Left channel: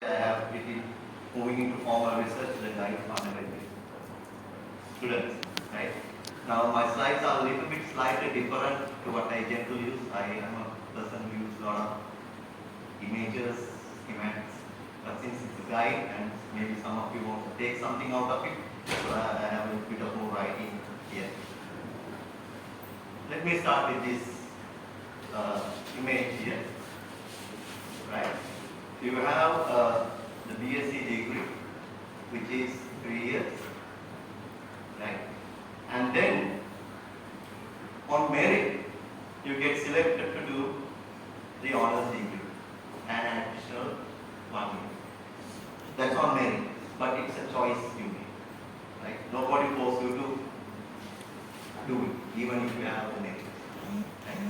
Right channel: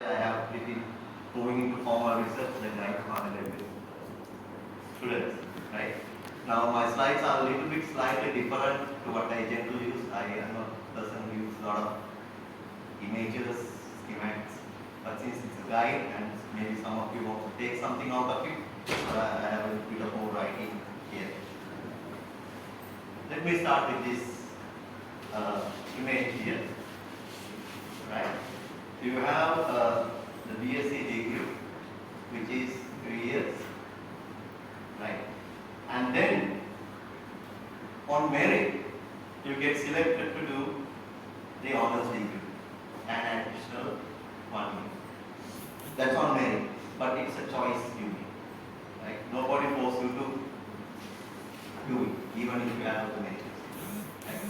I have pretty moving into formal research like I undergraduate students, right? Now my slides are a little bit slightly different to what I generally use. I am a person who uses a lot of images, schematics, but since it's a guide and maybe some of you want to take something out of it, so I have a bit of more writing here. Let me start with this image here, right? You have the BSc degree, which is 3 years, right? And then on merit, you get selected to do the honors degree and an additional 1 year. That's on merit, but it's a choice you make, right? Nobody forces you to do it, even if you have the merit. Right?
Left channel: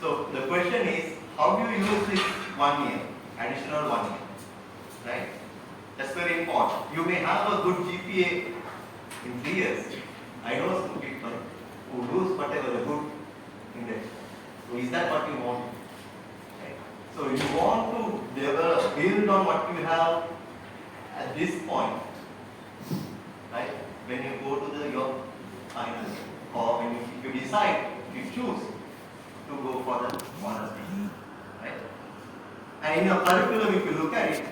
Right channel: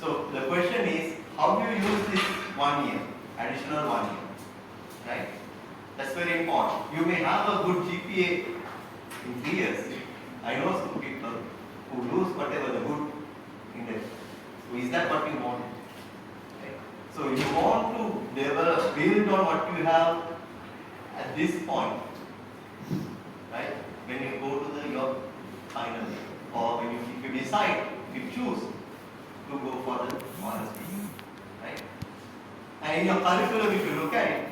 So the question is, how do you use this 1 year, additional 1 year, right? That's very important. You may have a good GPA in 3 years. I know some people who lose whatever the good index. So is that what you want? Right? So you want to develop, build on what you have at this point, right? When you go to your final year, or when if you decide, if you choose to go for the honors degree, right? And in your curriculum, if you look at it,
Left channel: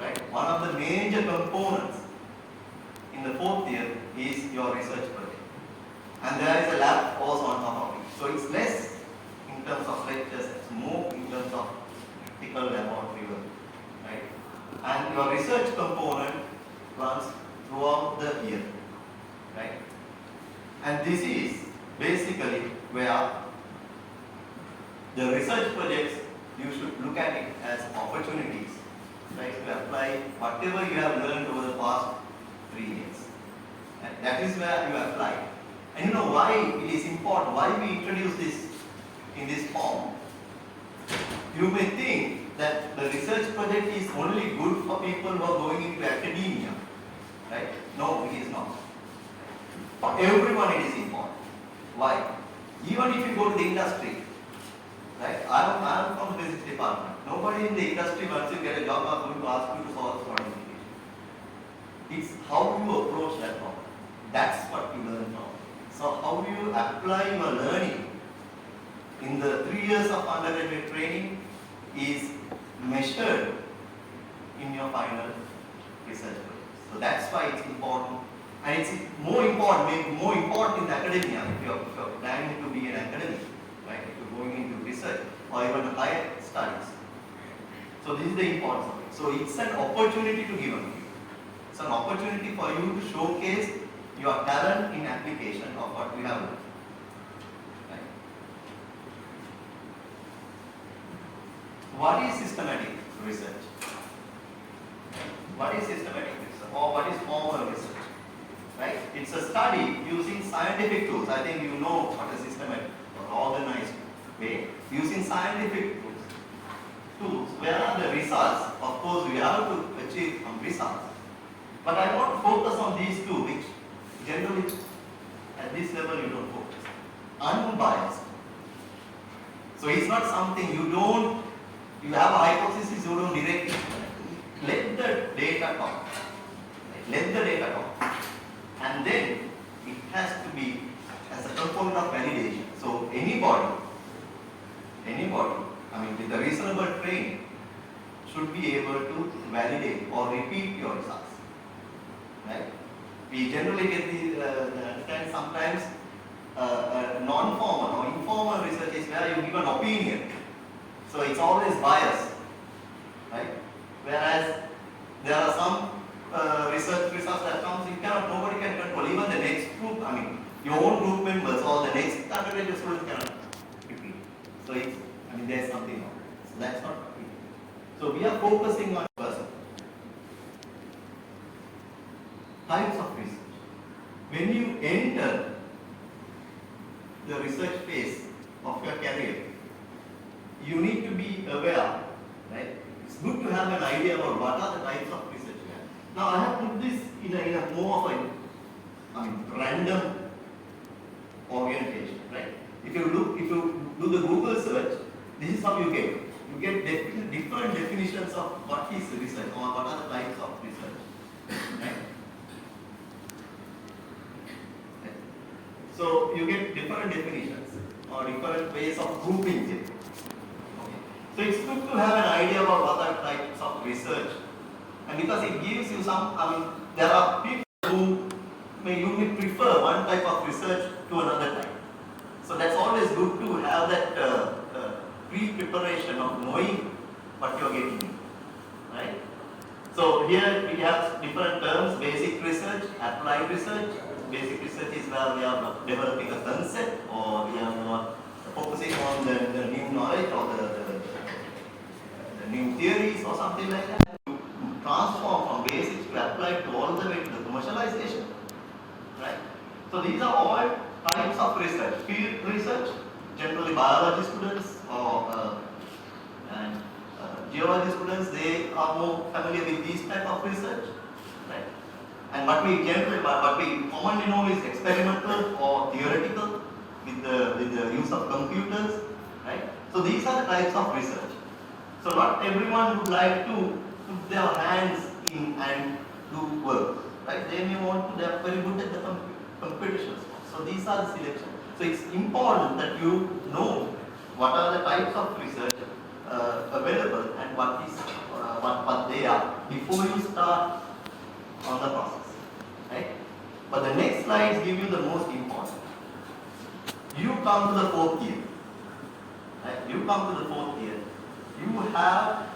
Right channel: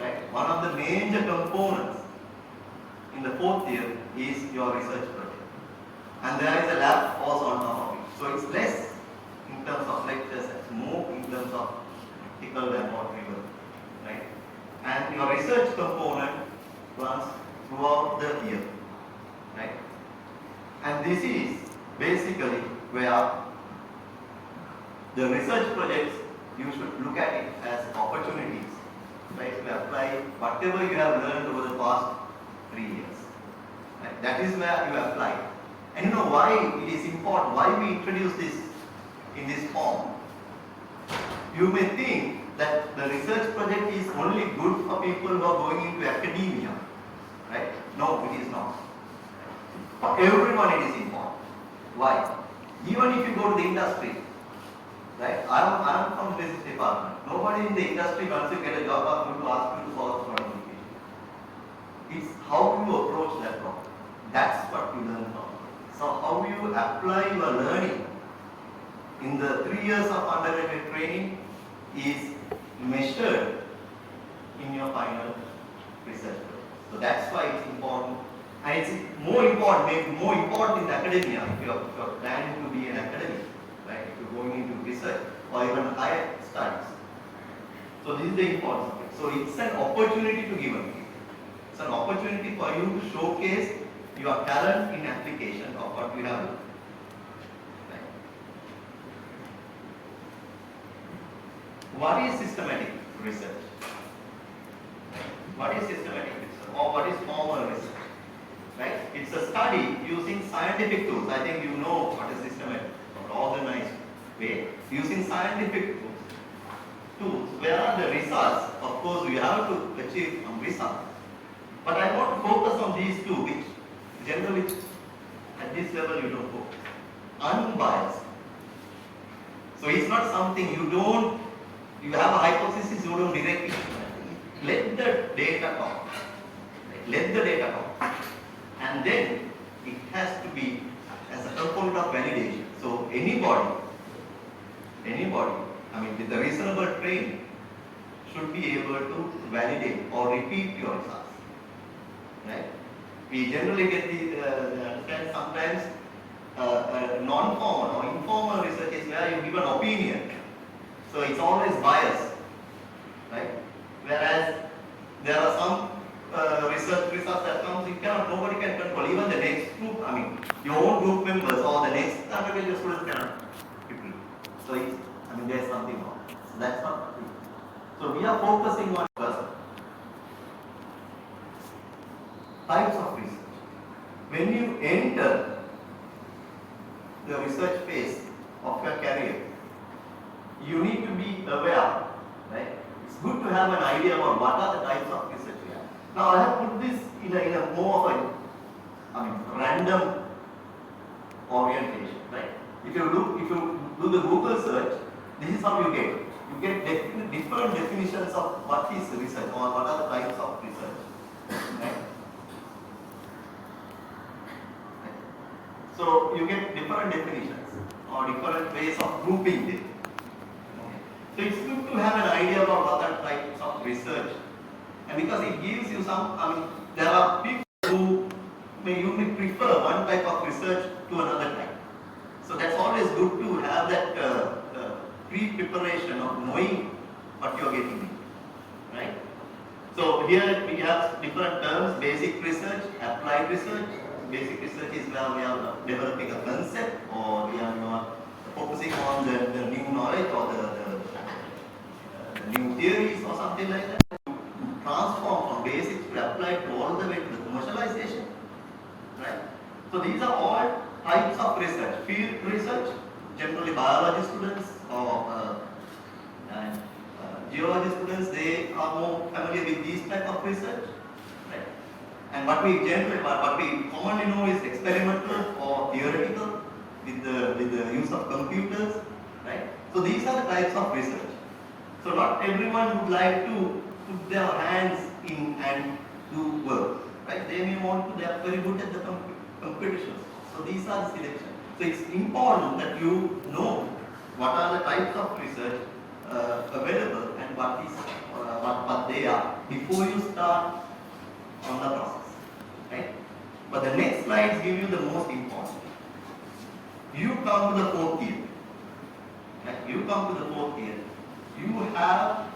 right, one of the major components in the 4th year is your research project. And there is a lab also on top of it. So it's less in terms of lectures, it's more in terms of practical laboratory work, right? And your research component runs throughout the year, right? And this is basically where the research projects, you should look at it as opportunities, right? To apply whatever you have learned over the past 3 years. Right? That is where you apply. And you know why it is important, why we introduce this in this form. You may think that the research project is only good for people who are going into academia, right? No, it is not. For everyone it is important. Why? Even if you go to the industry, right? I am from the business department. Nobody in the industry, once you get a job, are going to ask you to solve this quantification. It's how you approach that problem. That's what you learn from. So how you apply your learning in the 3 years of undergraduate training is measured in your final research. So that's why it's important. And it's more important, maybe more important in academia if you're planning to be an academic, right? If you're going into research or even higher studies. So this is the importance of it. So it's an opportunity to give up. It's an opportunity for you to showcase your talent in application of what you have learned. Right? What is systematic research? What is systematic research? Or what is formal research? Right? It's a study using scientific tools. I think you know what is systematic or organized way. Using scientific tools. Where are the results? Of course, we have to achieve some results. But I want to focus on these two, which generally at this level you don't focus. Unbiased. So it's not something you have a hypothesis, you don't direct it. Let the data talk. Let the data talk. And then it has to be as a component of validation. So anybody, I mean with a reasonable training, should be able to validate or repeat your results. Right? We generally get the understand sometimes non-formal or informal research is where you give an opinion. So it's always biased. Right? Whereas there are some research results that comes, nobody can control. Even the next group, I mean, your own group members or the next undergraduate student cannot repeat. So there's something wrong. So that's not what we do. So we are focusing on first types of research. When you enter the research phase of your career, you need to be aware, right? It's good to have an idea about what are the types of research you have. Now I have put this in a more of a random orientation, right? If you do the Google search, this is how you get. you get different definitions of what is research or what are the types of research. Right? So you get different definitions or different ways of grouping them. Okay. So it's good to have an idea about what are types of research, and because it gives you some, there are people who may prefer one type of research to another type. So that's always good to have that pre-preparation of knowing what you are getting, right? So here we have different terms: basic research, applied research. Basic research is where we are developing a concept, or we are more focusing on the new knowledge or the new theories or something like that. Transform from basics to applied to all the way to the commercialization, right? So these are all types of research. Field research, generally biology students or geology students, they are more familiar with these type of research, right? And what we commonly know is experimental or theoretical with the use of computers, right? So these are the types of research. So not everyone would like to put their hands in and do work, right? They may want to, they are very good at the competitions. So these are the selections. So it's important that you know what are the types of research available and what they are before you start on the process, right? But the next slides give you the most important. You come to the fourth year, right? You come to the fourth year, you have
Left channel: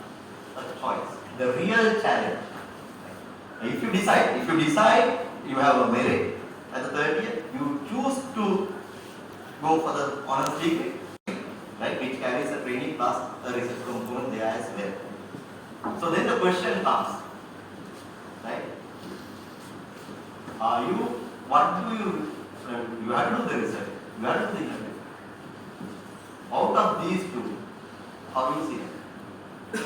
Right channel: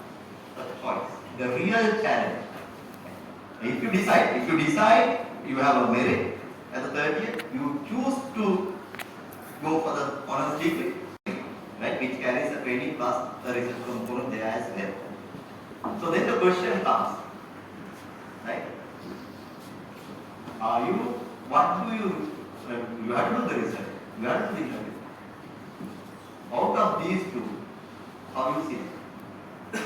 a choice, the real challenge. If you decide, you have a merit. At the third year, you choose to go for the honors degree, right? Which carries a training plus a research component there as well. So then the question comes, right? You have to do the research, you have to do the interview. Out of these two, how do you see it?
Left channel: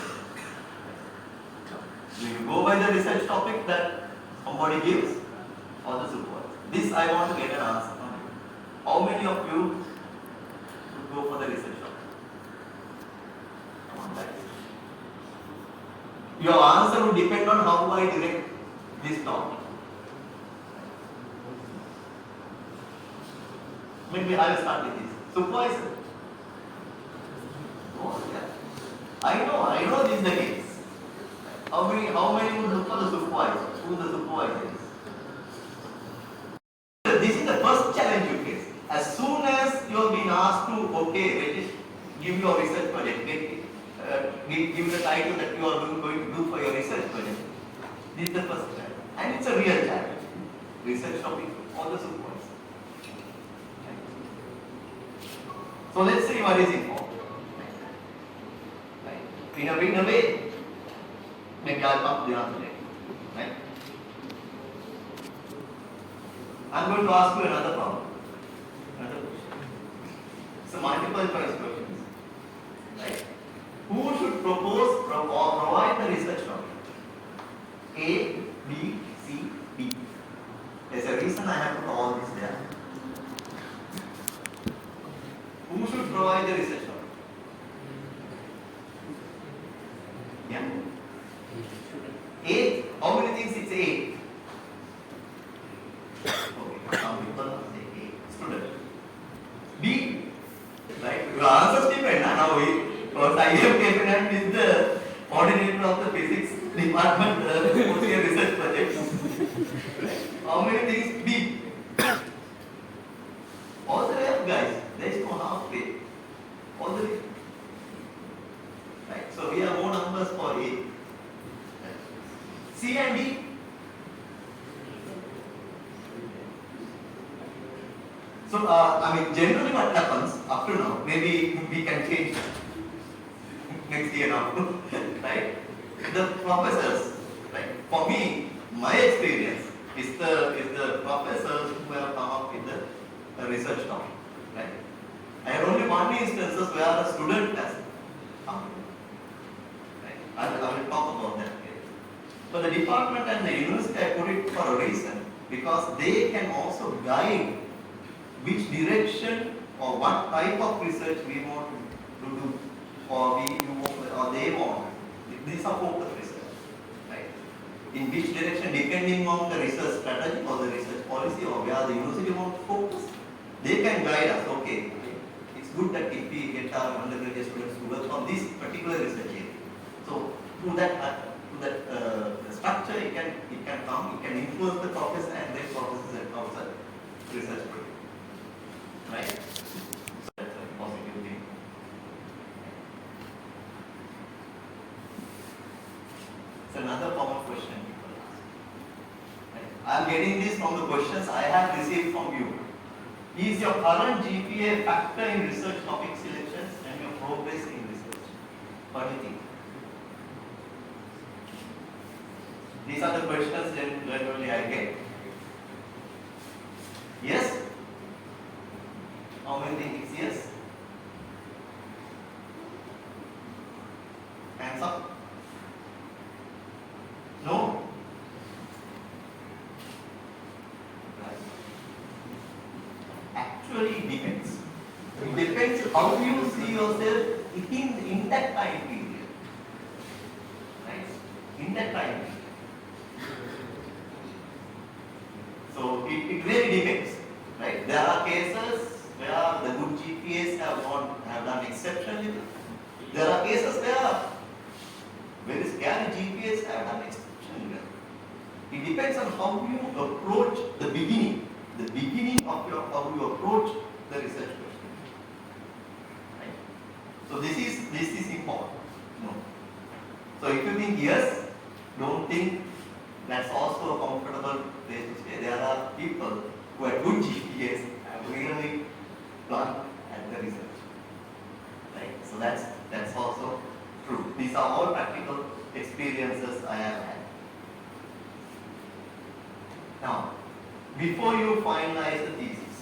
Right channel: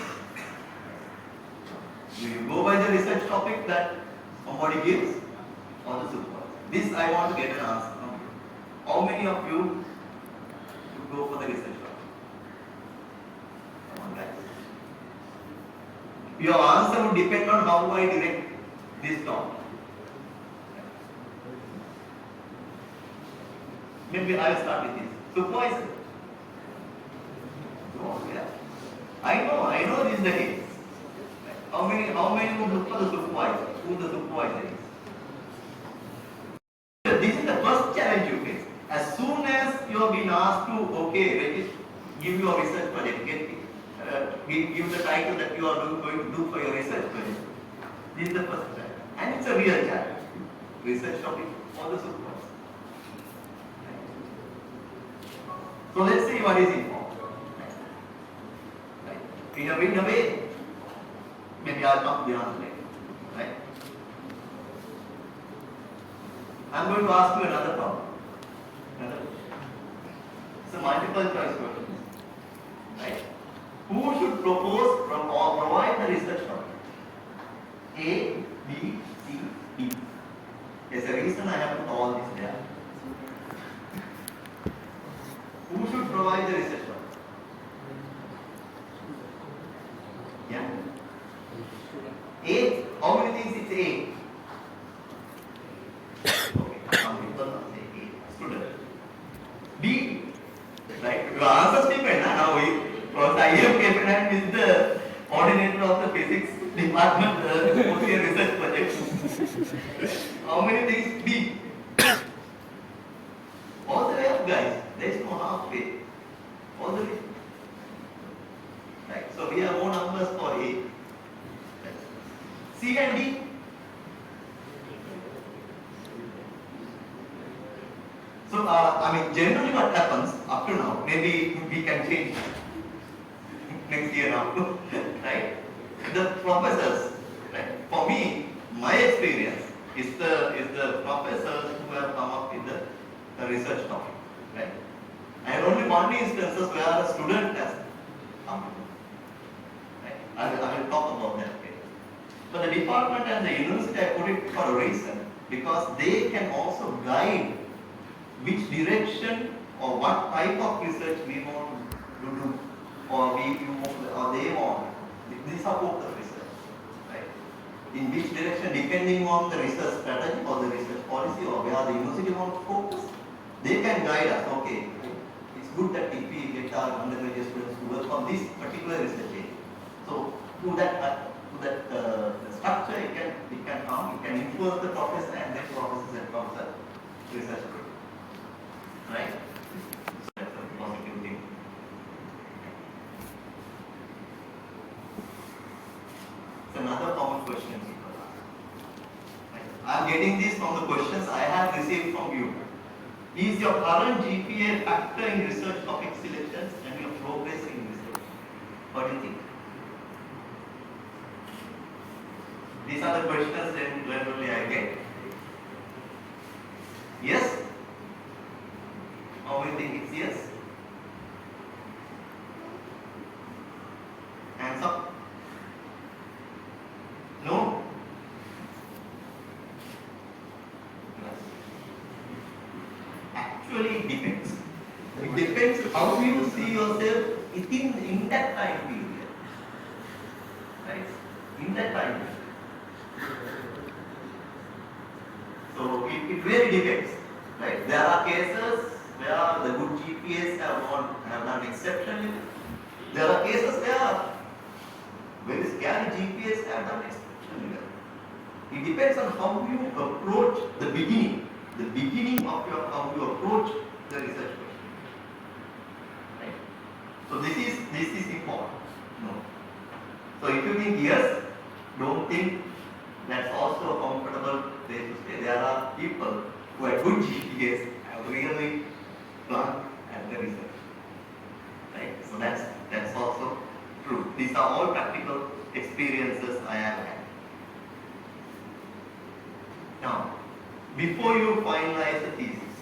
Do you go by the research topic that somebody gives or the supervisor? This I want to get an answer. How many of you should go for the research topic? Your answer will depend on how I direct this topic. Maybe I will start with this. Supervisor. Oh, yeah. I know this is the case. How many would look for the supervisor? Who the supervisor is? This is the first challenge you face. As soon as you have been asked to, give your research project, give the title that you are going to do for your research project. This is the first challenge. And it's a real challenge. Research topic or the supervisor. So let's see what is involved. In a way, maybe I'll come to the answer later. Right? I'm going to ask you another problem. Another question. It's a multiple choice question. Right? Who should propose or provide the research topic? A, B, C, D. There's a reason I have put all this there. Who should provide the research topic? Yeah. A. How many things it's A? Okay, some people say A. Student. B. Right? Your answers depend. Now because I am capable with the coordinator of the physics department research projects. How many things? B. All the way up, guys. There is no halfway. All the way. Right? So we have more numbers for A. C and D. So, generally what happens up to now, maybe we can change next year now, right? The professors, right? For me, my experience is the professors who have come up with the research topic, right? I had only one instances where a student has come, right? I will talk about that later. So the department and the university, I put it for a reason, because they can also guide which direction or what type of research we want to do, or we or they want. These are focus research, right? In which direction, depending on the research strategy or the research policy or where the university wants to focus, they can guide us. Okay, it's good that if we get our undergraduate students to work on this particular research area. So through that structure, it can come, it can influence the professor and then professors and professor research group, right? So that's a positive thing. It's another common question people ask. Right? I am getting this from the questions I have received from you. Is your current GPA factor in research topic selections and your progress in research? What do you think? These are the questions that generally I get. Yes? How many think it's yes? Hands up. No? Yes. Actually, it depends. It depends how you see yourself in that time period. Right? In that time period. So it really depends, right? There are cases where the good GPAs have done exceptionally. There are cases where very scary GPAs have done exceptionally well. It depends on how you approach the beginning of how you approach the research question, right? So this is important. No. So if you think yes, don't think that's also a comfortable place to stay. There are people who have good GPAs have really done at the research, right? So that's also true. These are all practical experiences I have had. Now, before you finalize the thesis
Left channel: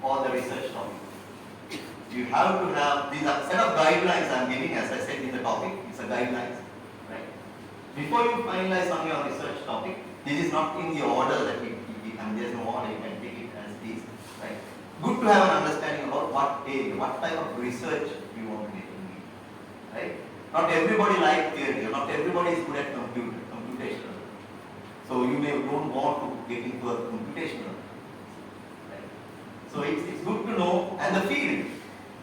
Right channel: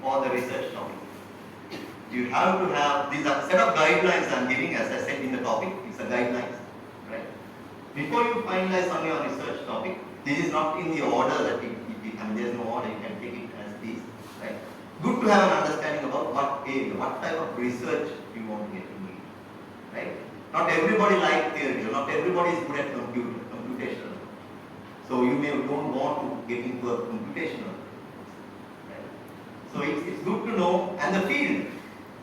or the research topic, you have to have these are set of guidelines I'm giving, as I said in the topic. It's a guidelines, right? Before you finalize on your research topic, this is not in the order that there's no order, you can take it as this, right? Good to have an understanding about what type of research you want to get into, right? Not everybody likes theory, not everybody is good at computational. So you may don't want to get into a computational, right? So it's good to know, and the field,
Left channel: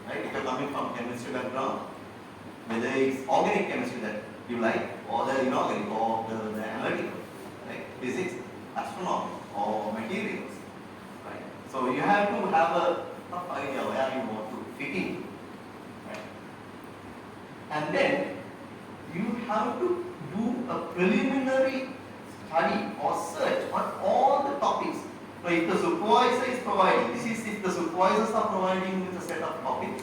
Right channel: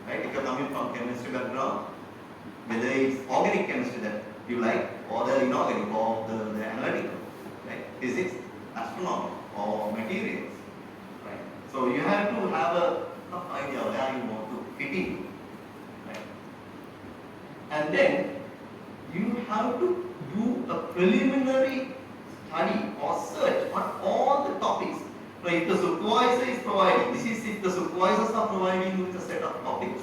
right? If you're coming from chemistry background, whether it's organic chemistry that you like, or the inorganic, or the analytical, right? Physics, astronomy, or materials, right? So you have to have a rough idea where you want to fit in, right? And then you have to do a preliminary study or search on all the topics. Now, if the supervisor is providing, this is if the supervisors are providing with a set of topics,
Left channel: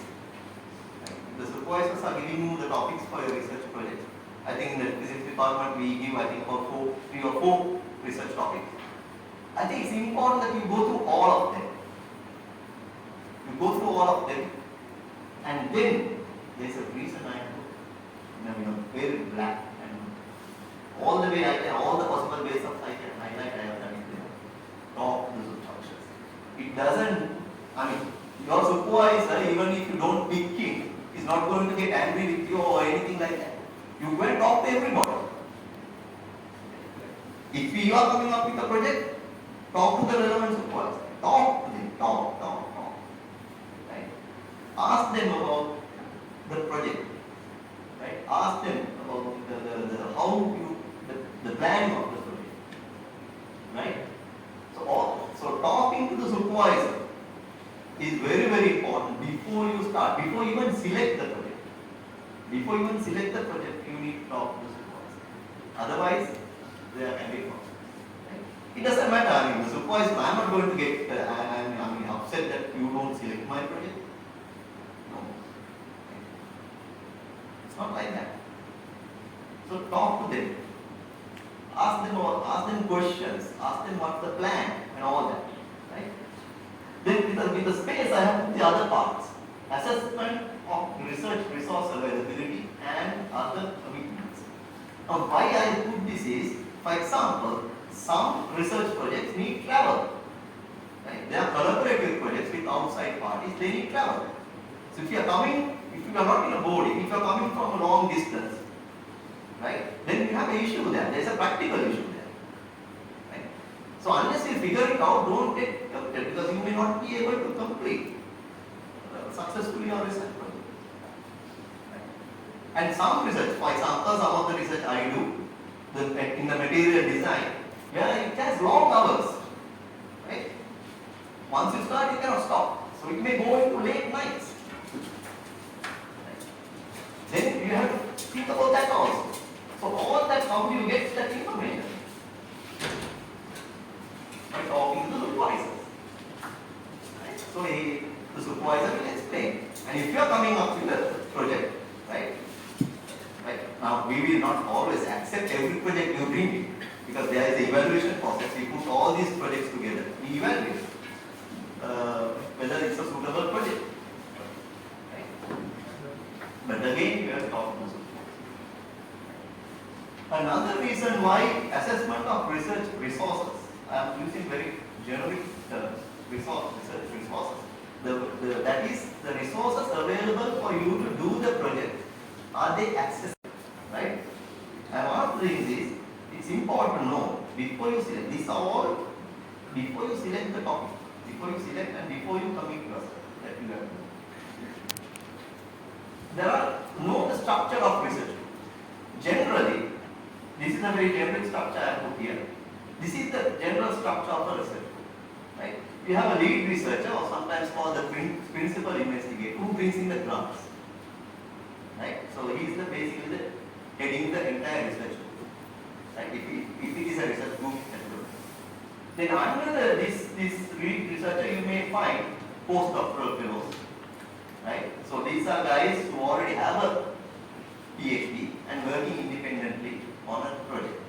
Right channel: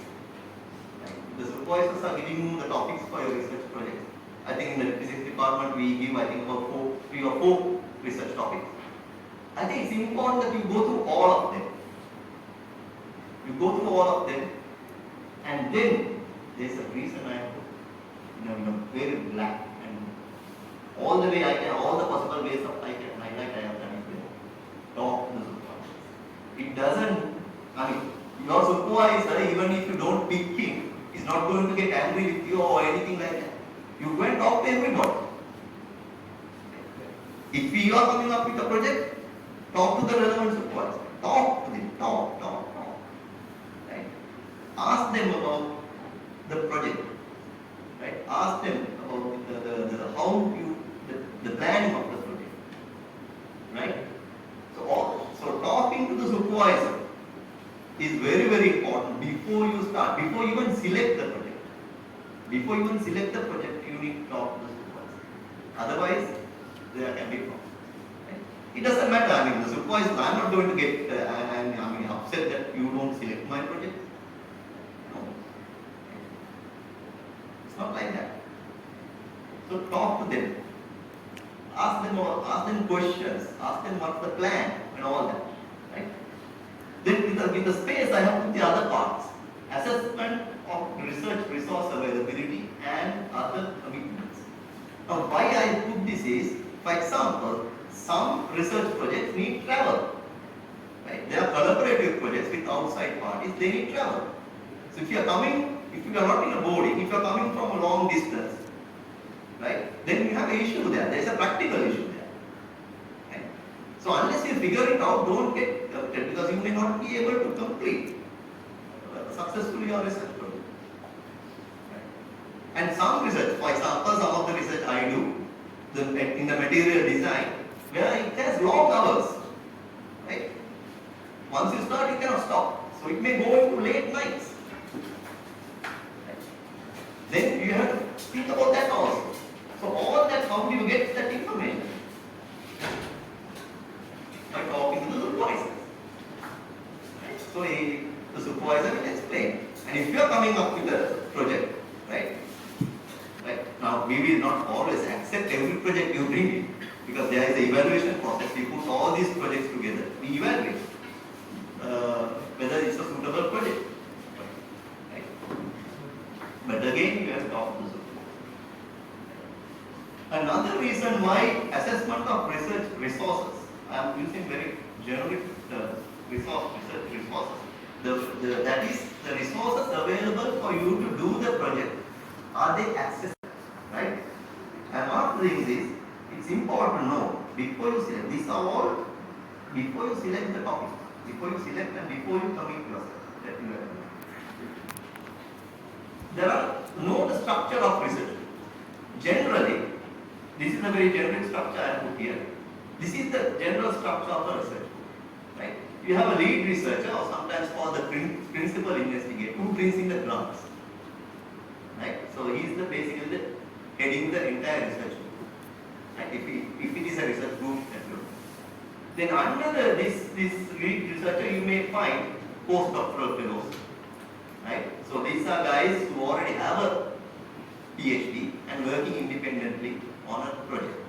right? If the supervisors are giving you the topics for your research project. I think in the physics department we give about 3 or 4 research topics. I think it's important that you go through all of them. You go through all of them, and then there's a reason I have to, very black and all the way I can, all the possible ways of I can highlight I have done it. Talk to the supervisors. It doesn't, your supervisor, even if you don't pick him, is not going to get angry with you or anything like that. You go and talk to everybody. If you are coming up with a project, talk to the relevant supervisor. Talk to them. Talk. Right? Ask them about the project. Right? Ask them about the planning of the project. Right? So talking to the supervisor is very, very important before you start, before you even select the project. Before you even select the project, you need to talk to the supervisor. Otherwise, there can be problems. Right? It doesn't matter. The supervisor, I'm not going to get upset that you don't select my project. No. It's not like that. So talk to them. Ask them questions. Ask them what's the plan and all that. Right? Then with the space, I have put the other parts. Assessment of research resource availability and other commitments. Now, why I put this is, for example, some research projects need travel. Right? They are collaborative projects with outside parties, they need travel. So if you are coming if you are not in a boarding, if you are coming from a long distance, right, then you have an issue there. There is a practical issue there. Right? So unless you figure it out, don't get tempted because you may not be able to complete successfully your research project. Right? And some research, for example, some of the research I do in the material design, where it has long hours. Right? Once you start, you cannot stop. So it may go into late nights. Right? Then you have to think about that also. So all that, how do you get that information? By talking to the supervisor. Right? So the supervisor will explain. And if you are coming up with a project, right? Now we will not always accept every project you bring in, because there is an evaluation process. We put all these projects together. We evaluate whether it's a suitable project. Right? But again, you have to talk to supervisor. Another reason why assessment of research resources, I am using very generic terms, research resources. That is the resources available for you to do the project. Are they accessible? Right? I am not doing this. It's important to know before you select. These are all before you select the topic, before you select and before you commit yourself that you have to. There are know the structure of research. Generally, this is a very generic structure I have put here. This is the general structure of the research. Right? You have a lead researcher, or sometimes called the principal investigator, who brings in the drafts. Right? So he is basically heading the entire research group. Right? If it is a research group, then under this lead researcher you may find postdoctoral fellows. Right? So these are guys who already have a PhD and working independently on a project.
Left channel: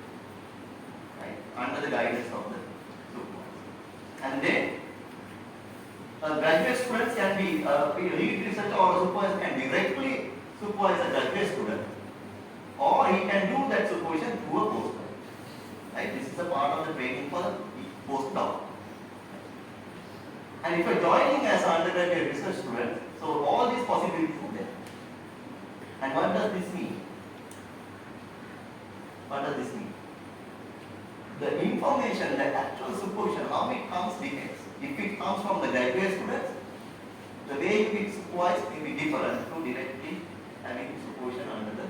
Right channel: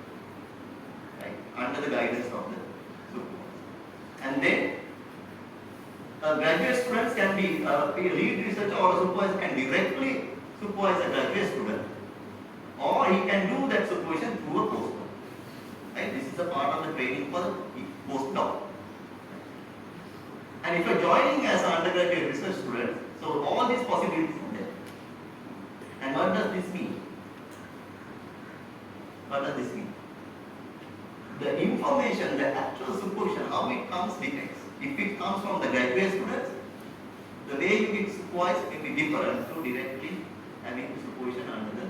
Right? Under the guidance of the supervisor. And then graduate students can be a lead researcher or a supervisor can directly supervise a graduate student, or he can do that supervision through a postdoc. Right? This is a part of the training for the postdoc. And if you are joining as an undergraduate research student, so all these possibilities are there. And what does this mean? What does this mean? The information, the actual supervision, how it comes depends. If it comes from the graduate students, the way you get supervised will be different to directly having supervision under the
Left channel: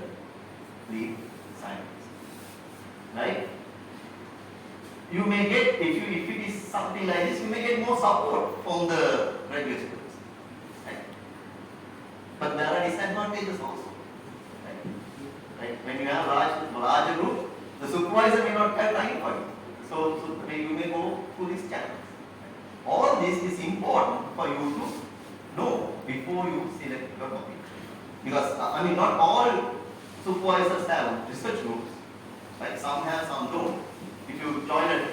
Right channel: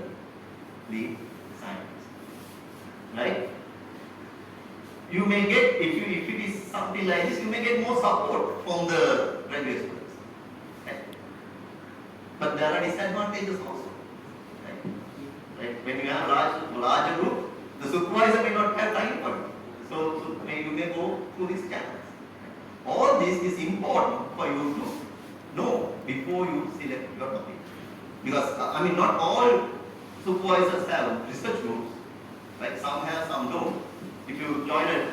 lead scientist. Right? You may get, if it is something like this, you may get more support from the graduate students. Right? But there are disadvantages also. Right? When you have larger group, the supervisor may not have time for you. So you may go through these channels. All this is important for you to know before you select your topic. Because, not all supervisors have research groups. Right? Some have, some don't. If you join a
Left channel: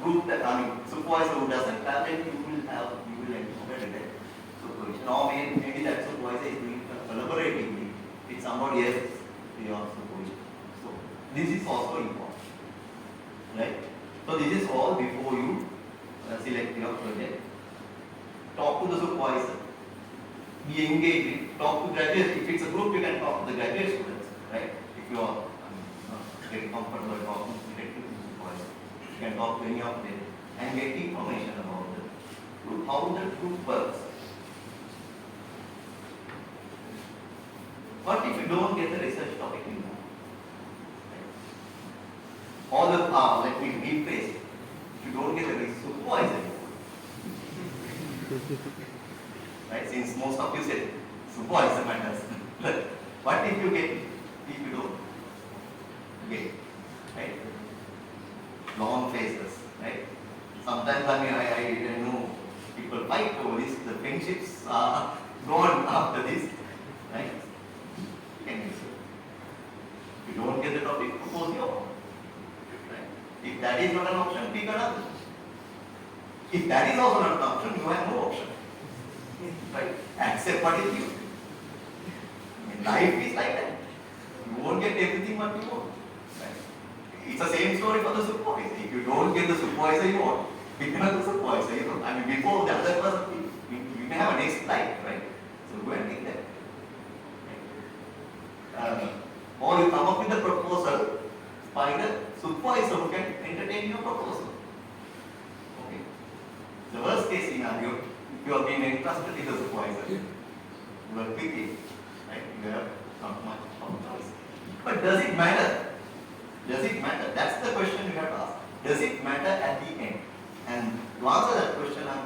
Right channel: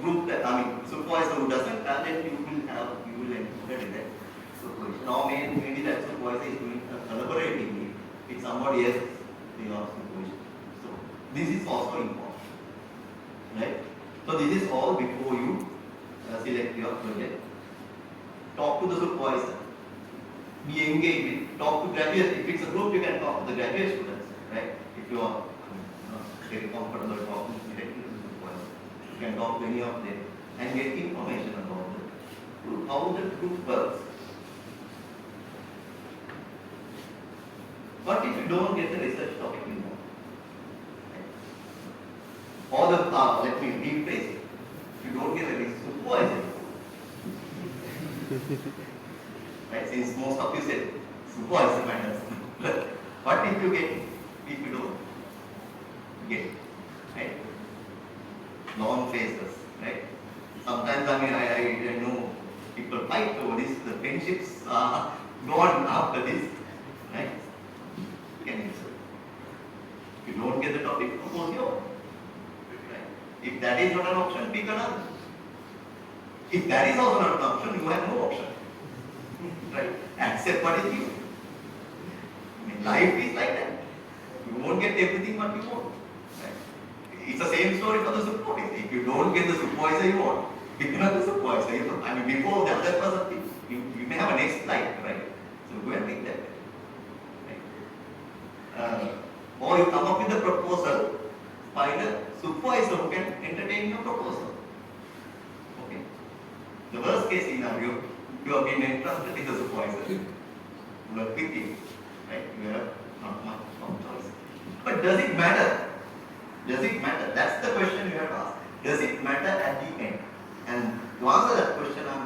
group that, supervisor who doesn't have, then you will encounter that supervision. Or maybe that supervisor is doing collaboratively with somebody else in your supervision. So, this is also important. Right? So, this is all before you select your project. Talk to the supervisor. Be engaged. Talk to graduates. If it's a group, you can talk to the graduate students. Right? If you are not very comfortable talking directly to the supervisor, you can talk to any of them and get information about the group, how the group works. What if you don't get the research topic you know? Right? Or let me rephrase. If you don't get a supervisor, right? Since most of you said supervisor matters. What if you get it? If you don't get it, right? Long phases, right? Sometimes I know people fight over this. The friendships are gone after this, right? Can you say? If you don't get the topic, propose your own. Right? If that is not an option, pick another. If that is also not an option, you have no option. Right? Accept what is you. Life is like that. You won't get everything what you want. Right? It's the same story for the supervisor. If you don't get the supervisor you want, pick another supervisor. Before the other person, you may have a next life, right? So go and pick that. or you come up with a proposal, find a supervisor who can entertain your proposal. Okay. The worst case scenario, you have been entrusted with the supervisor. You are with him, right? You have not much choice. But does it matter? Does it matter? That's the question you have to ask. Does it matter at the end? And to answer that question, I'm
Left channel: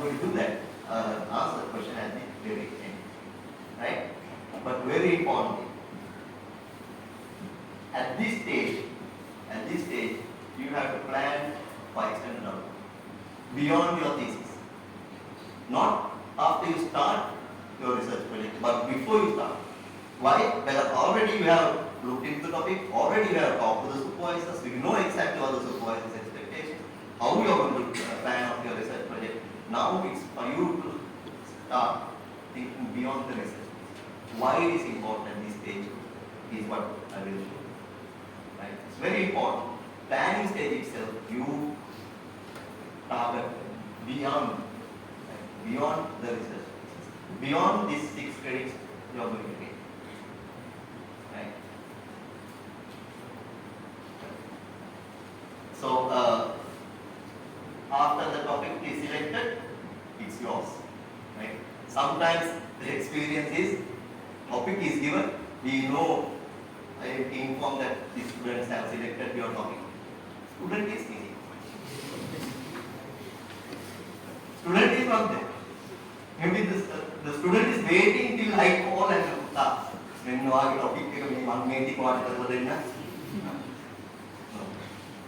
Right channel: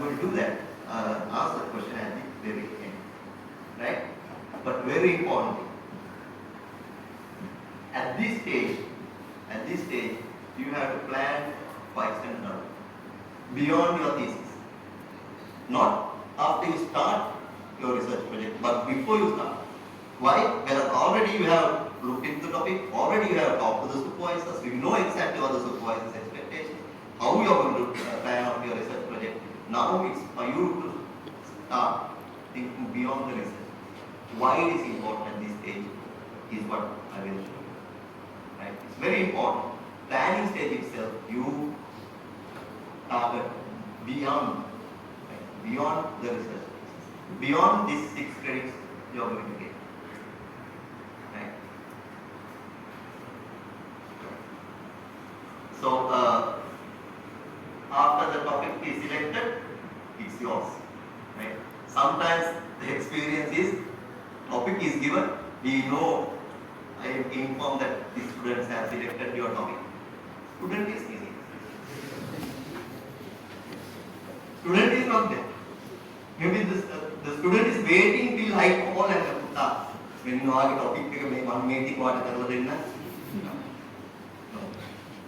going to do that. Answer the question at the very end, right? But very importantly, at this stage, you have to plan for extended out beyond your thesis. Not after you start your research project, but before you start. Why? Because already you have looked into the topic, already you have talked to the supervisors, you know exactly what the supervisor's expectations, how you are going to plan out your research project. Now it's for you to start thinking beyond the research. Why it is important at this stage is what I will show you. Right? It's very important. Planning stage itself, you target beyond, right? Beyond the research, beyond these 6 credits you are going to get. Right? So after the topic is selected, it's yours. Right? Sometimes the experience is topic is given, we know, I am informed that the students have selected your topic. Student is easy. Student is not there. Maybe the student is waiting till I call and start. When you are topic, no.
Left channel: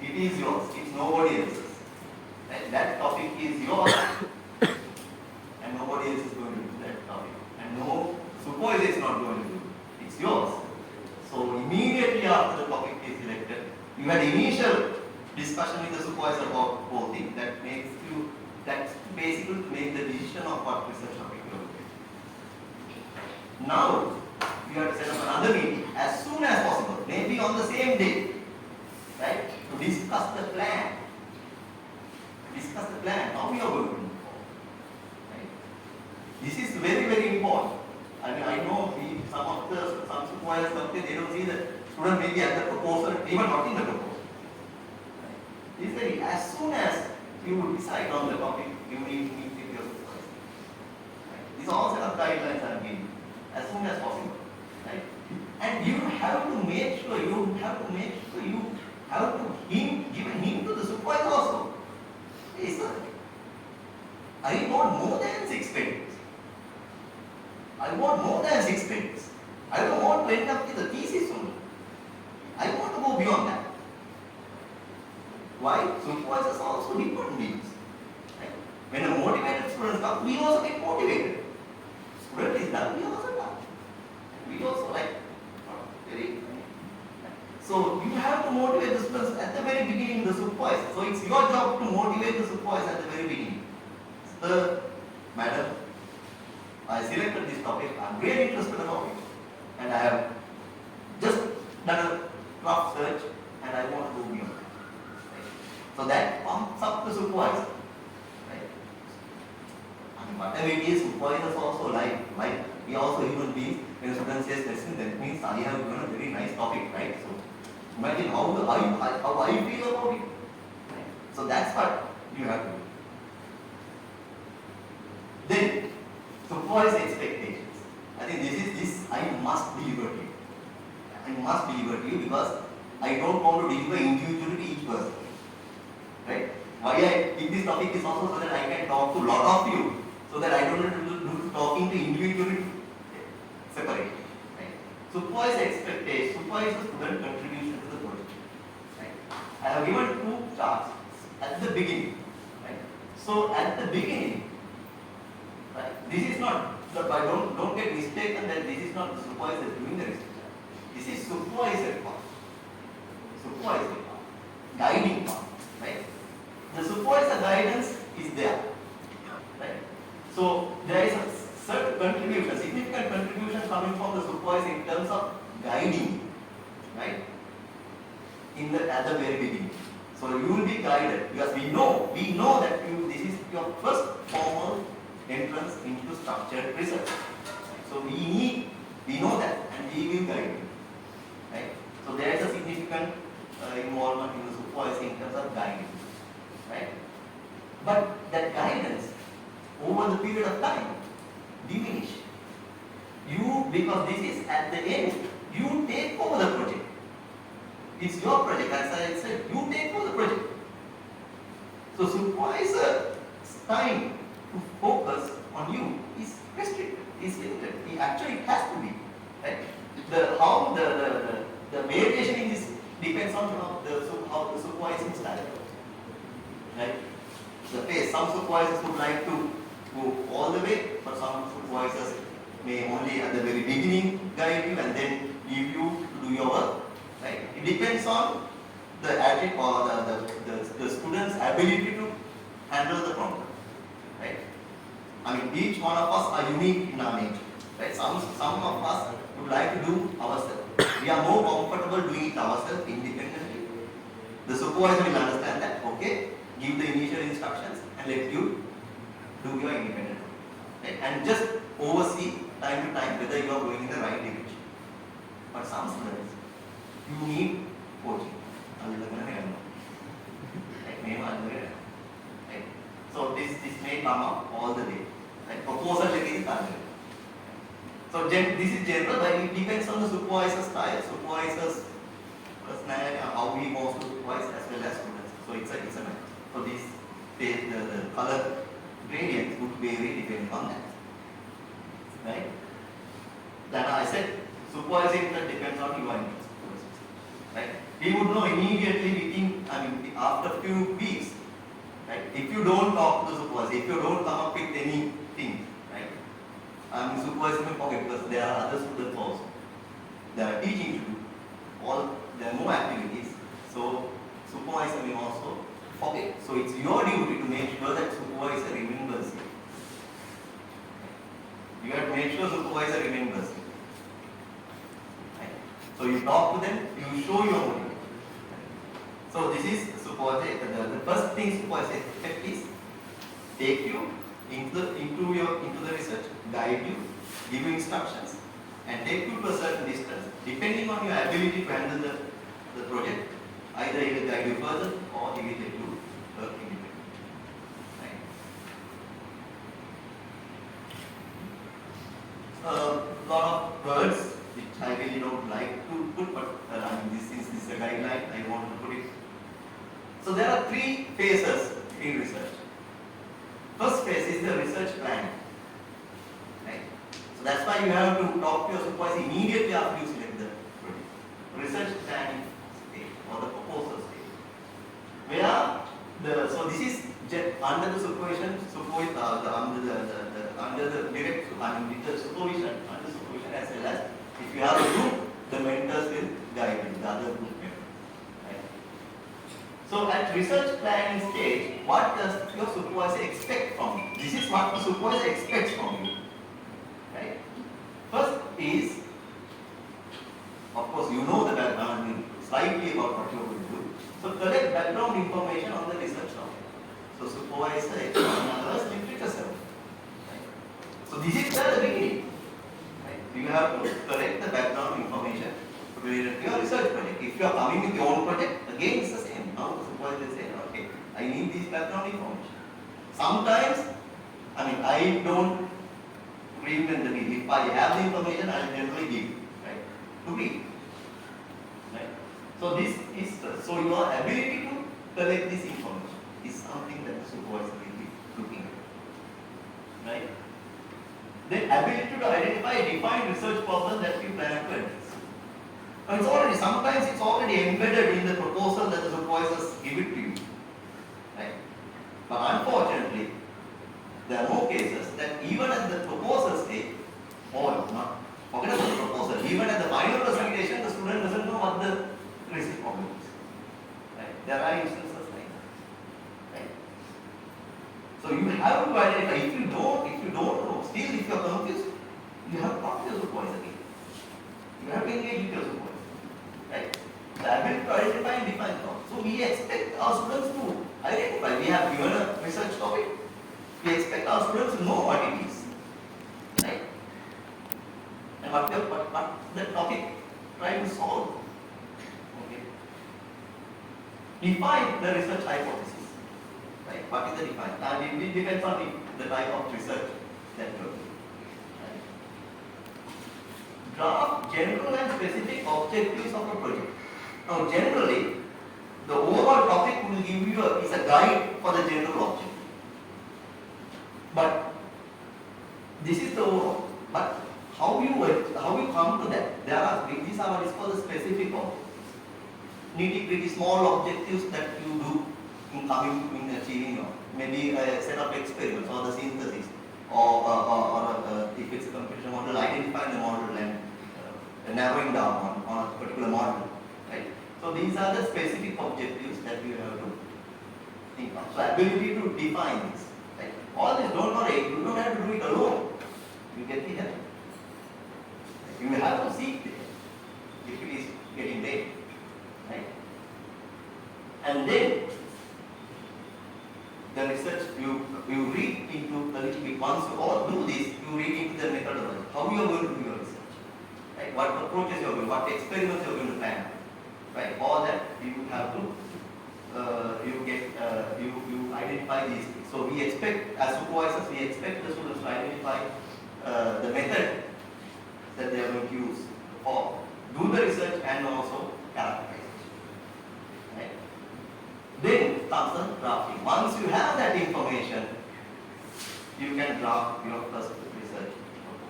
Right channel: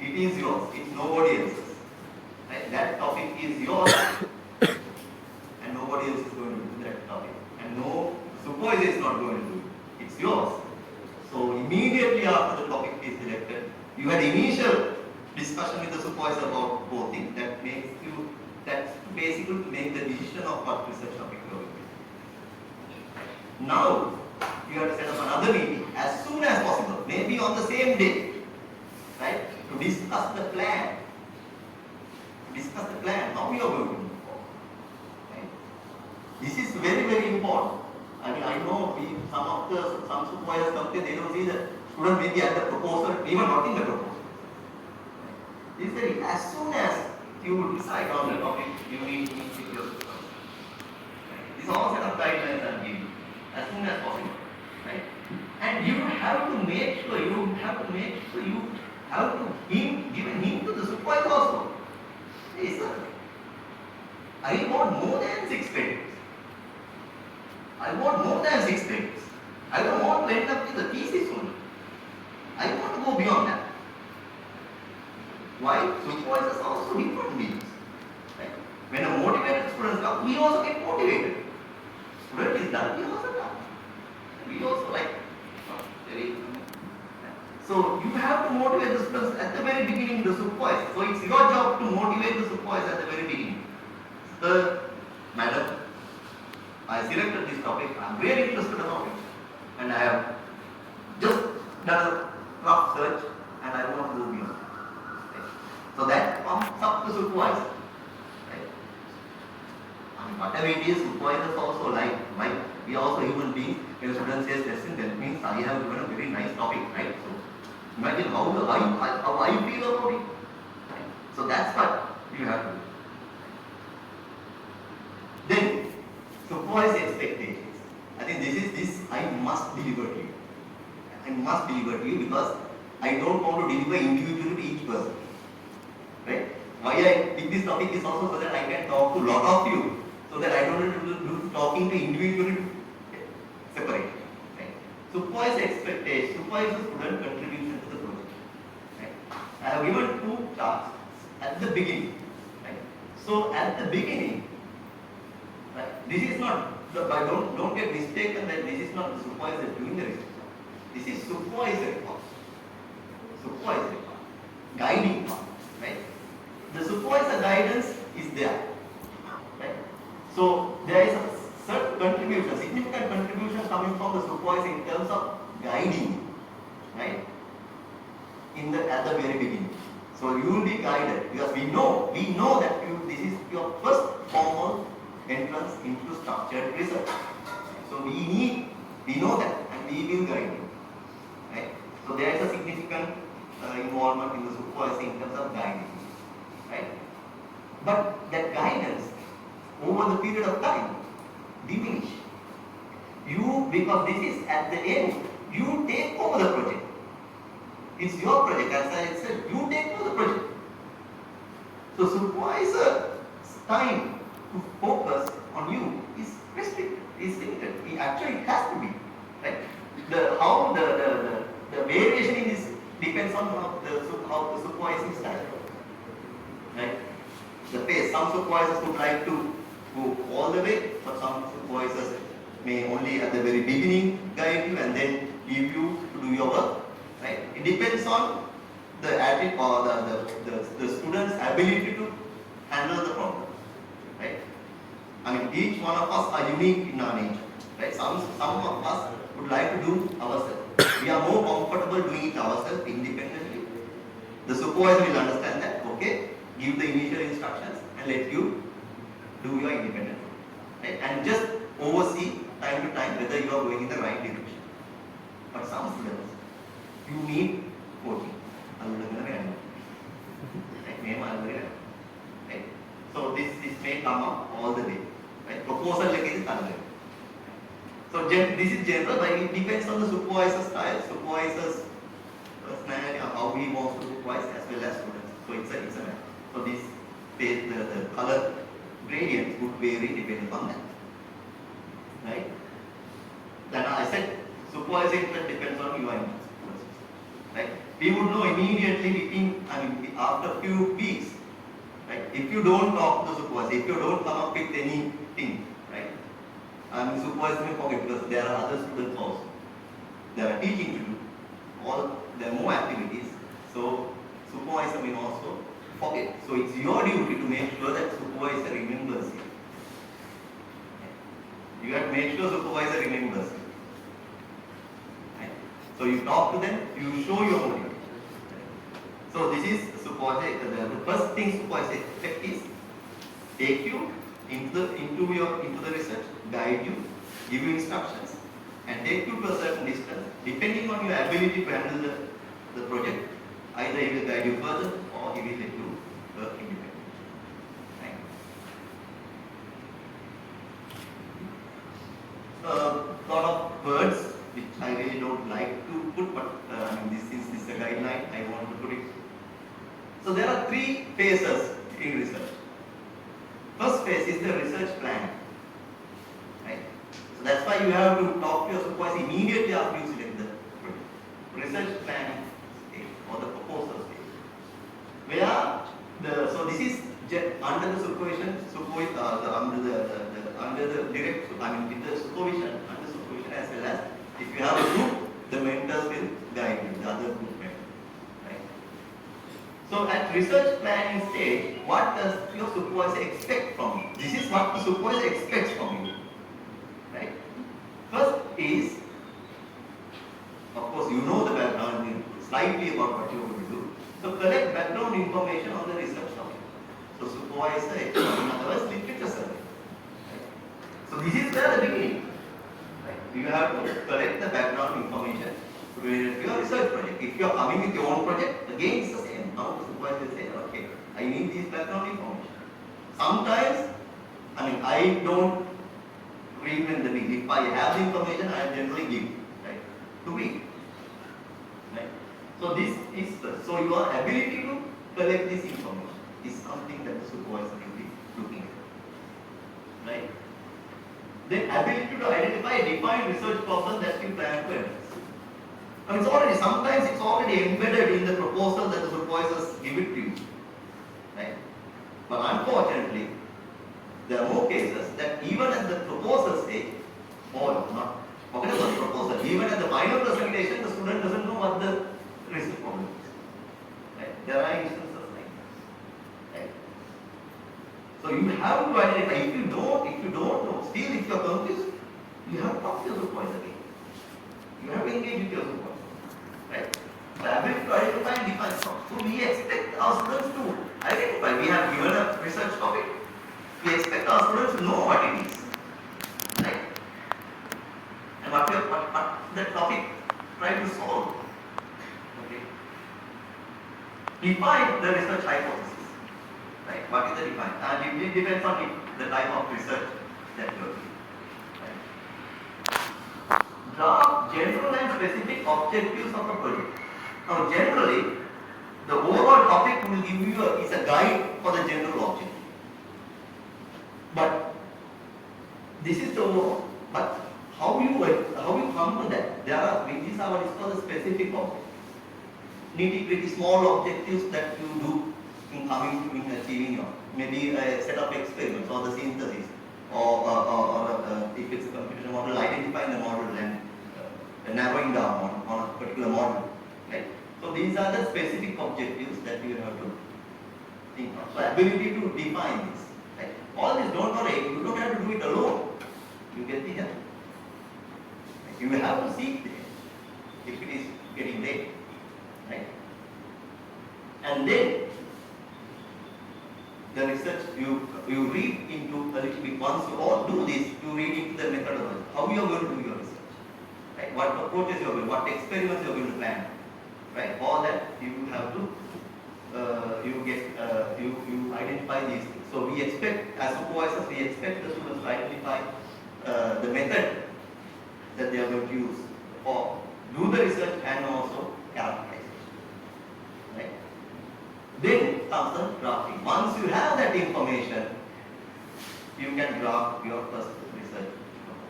It is yours. It's nobody else's. Right? That topic is yours, and nobody else is going to do that topic. And no supervisor is not going to do it. It's yours. So immediately after the topic is selected, you had initial discussion with the supervisor about both things. That's basically to make the decision of what research topic you are going to do. Now, you have to set up another meeting as soon as possible, maybe on the same day, right? To discuss the plan. How we are going to move forward. Right? This is very, very important. I mean, I know some supervisors come there, they don't see the student maybe at the proposal, even not in the proposal. Right? This is very, as soon as you decide on the topic, you need to meet with your supervisor. Right? These are all set of guidelines I'm giving as soon as possible. Right? And you have to make sure you have to give a hint to the supervisor also. Hey sir, I want more than 6 credits. I don't want to end up with a thesis only. I want to go beyond that. Why? Supervisors are also important beings. Right? When a motivated student comes, we also get motivated. Student is done, we also done. We also like very. So you have to motivate the students at the very beginning, the supervisor. So it's your job to motivate the supervisor at the very beginning. So, madam, I selected this topic, I'm very interested about it. And I have just done a rough search and I want to go beyond. Right? So that pumps up the supervisor. Right? I mean, whatever it is, supervisors also like we are also human beings. When a student says, listen, that means I have given a very nice topic, right? So imagine how I feel about it. Right? So that's what you have to do. Then, supervise expectations. I think this I must deliver to you. I must deliver to you because I don't want to deliver individually to each person. Right? Why I pick this topic is also so that I can talk to a lot of you, so that I don't have to do talking to individually separate. Right? Supervise expectations, supervise the student contribution to the project. Right? I have given 2 charts at the beginning. Right? So at the beginning, right, this is not, don't get mistaken that this is not the supervisor doing the research. This is supervisory part. Guiding part. Right? The supervisor guidance is there. Right? So there is a certain contribution, significant contribution coming from the supervisor in terms of guiding. Right? At the very beginning. So you will be guided because we know that this is your first formal entrance into structured research. So we know that and we will guide you. So there is a significant involvement in the supervisor in terms of guiding, right? But that guidance over the period of time diminish. Because this is at the end, you take over the project. It's your project, as I said, you take over the project. So supervisor's time to focus on you is restricted, is limited. Actually, it has to be, right? The variation in this depends on how the supervising style, right? The pace. Some supervisors would like to go all the way, but some supervisors may only at the very beginning guide you and then leave you to do your work, right? It depends on the attitude or the student's ability to handle the problem, right? I mean, each one of us are unique in our nature, right? Some of us would like to do ourselves. We are more comfortable doing it ourselves independently. The supervisor will understand that, okay, give the initial instructions and let you do your independent, right? And just oversee time to time whether you are going in the right direction. But some students, you need coaching. Right? So this may come up all the way. Right? Proposal like is done. So this is general, but it depends on the supervisor's style, supervisor's personality, how he wants to supervise as well as students. So it's a matter. So this the color gradient would vary depending on that. Right? Then I said supervising depends on your interest. Right? We would know immediately after a few weeks. Right? If you don't talk to the supervisor, if you don't come up with anything, right? Supervisor may forget because there are other students also. There are teaching to do. There are more activities. So supervisor may also forget. So it's your duty to make sure that supervisor remembers you. You have to make sure supervisor remembers you. Right? So you talk to them, you show your motivation. So this is supervisor. The first thing supervisor expect is take you into the research, guide you, give you instructions, and take you to a certain distance, depending on your ability to handle the project. Either he will guide you further or he will let you work independently. Right? A lot of words which I really don't like to put, but this is a guideline, I want to put it. So there are three phases in research. First phase is the research planning. Right? So that's why you have to talk to your supervisor immediately after you select the project. Research planning stage or the proposal stage. So this is under the supervision, under the direct, with the supervision, under supervision as well as if you have a group, the mentors will guide you, the other group members. Right? So at research planning stage, what does your supervisor expect from you? This is what the supervisor expects from you. Right? First is, of course, you know the background slightly about what you are going to do. So collect background information on the research topic. So supervisor, in other words, literature survey. Right? So this is the beginning. Right? You have to collect the background information related to your research project. If you are coming with your own project, again it's the same. Now the supervisor will say, okay, I need this background information. Sometimes, I don't reinvent the wheel. If I have the information, I generally give, right, to read. Right? So this is so your ability to collect this information is something that the supervisor will be looking at. Right? Then ability to identify a defined research problem that you plan to address. Sometimes it's already embedded in the proposal that the supervisors give it to you. Right? But unfortunately, there are more cases that even at the proposal stage, forget about the proposal, even at the final presentation, the student doesn't know what the research problem is. Right? There are instances like that. Right? So you have to identify. If you don't know, still if you are confused, you have to talk to your supervisor again. You have to engage with your supervisor. Right? The ability to identify and define problems. So we expect our students to identify. We have given a research topic. We expect our students to know what it is. Right? And what the topic trying to solve. define the research hypothesis. Right? What is the define? And it depends on the type of research that you are doing. Right? Draft general and specific objectives of a project. Now, generally, the overall topic will give you is a guide for the general objective. But this is the overall. But how you come to that? These are what is called the specific objectives. Nitty-gritty small objectives that you do in achieving your maybe a set of experiments or the synthesis or if it's a computer model, identifying the model and narrowing down on a particular model. Right? So these are the specific objectives that you have to think of. So ability to define this. Right? All this, don't worry, you don't have to do it alone. You get the help. You may have to seek it if it is getting late. Right? And then the research you read into a little bit. Once you all do this, you read into the methodology. How you are going to do your research. Right? What approaches you are going, what experiments you are going to plan. Right? All that you have to you identify these things. So we expect, as supervisors, we expect the students to identify the method that they are going to use or do the research and also characterize it. Right? Then comes the drafting. Once you have that information, you can draft your first research proposal.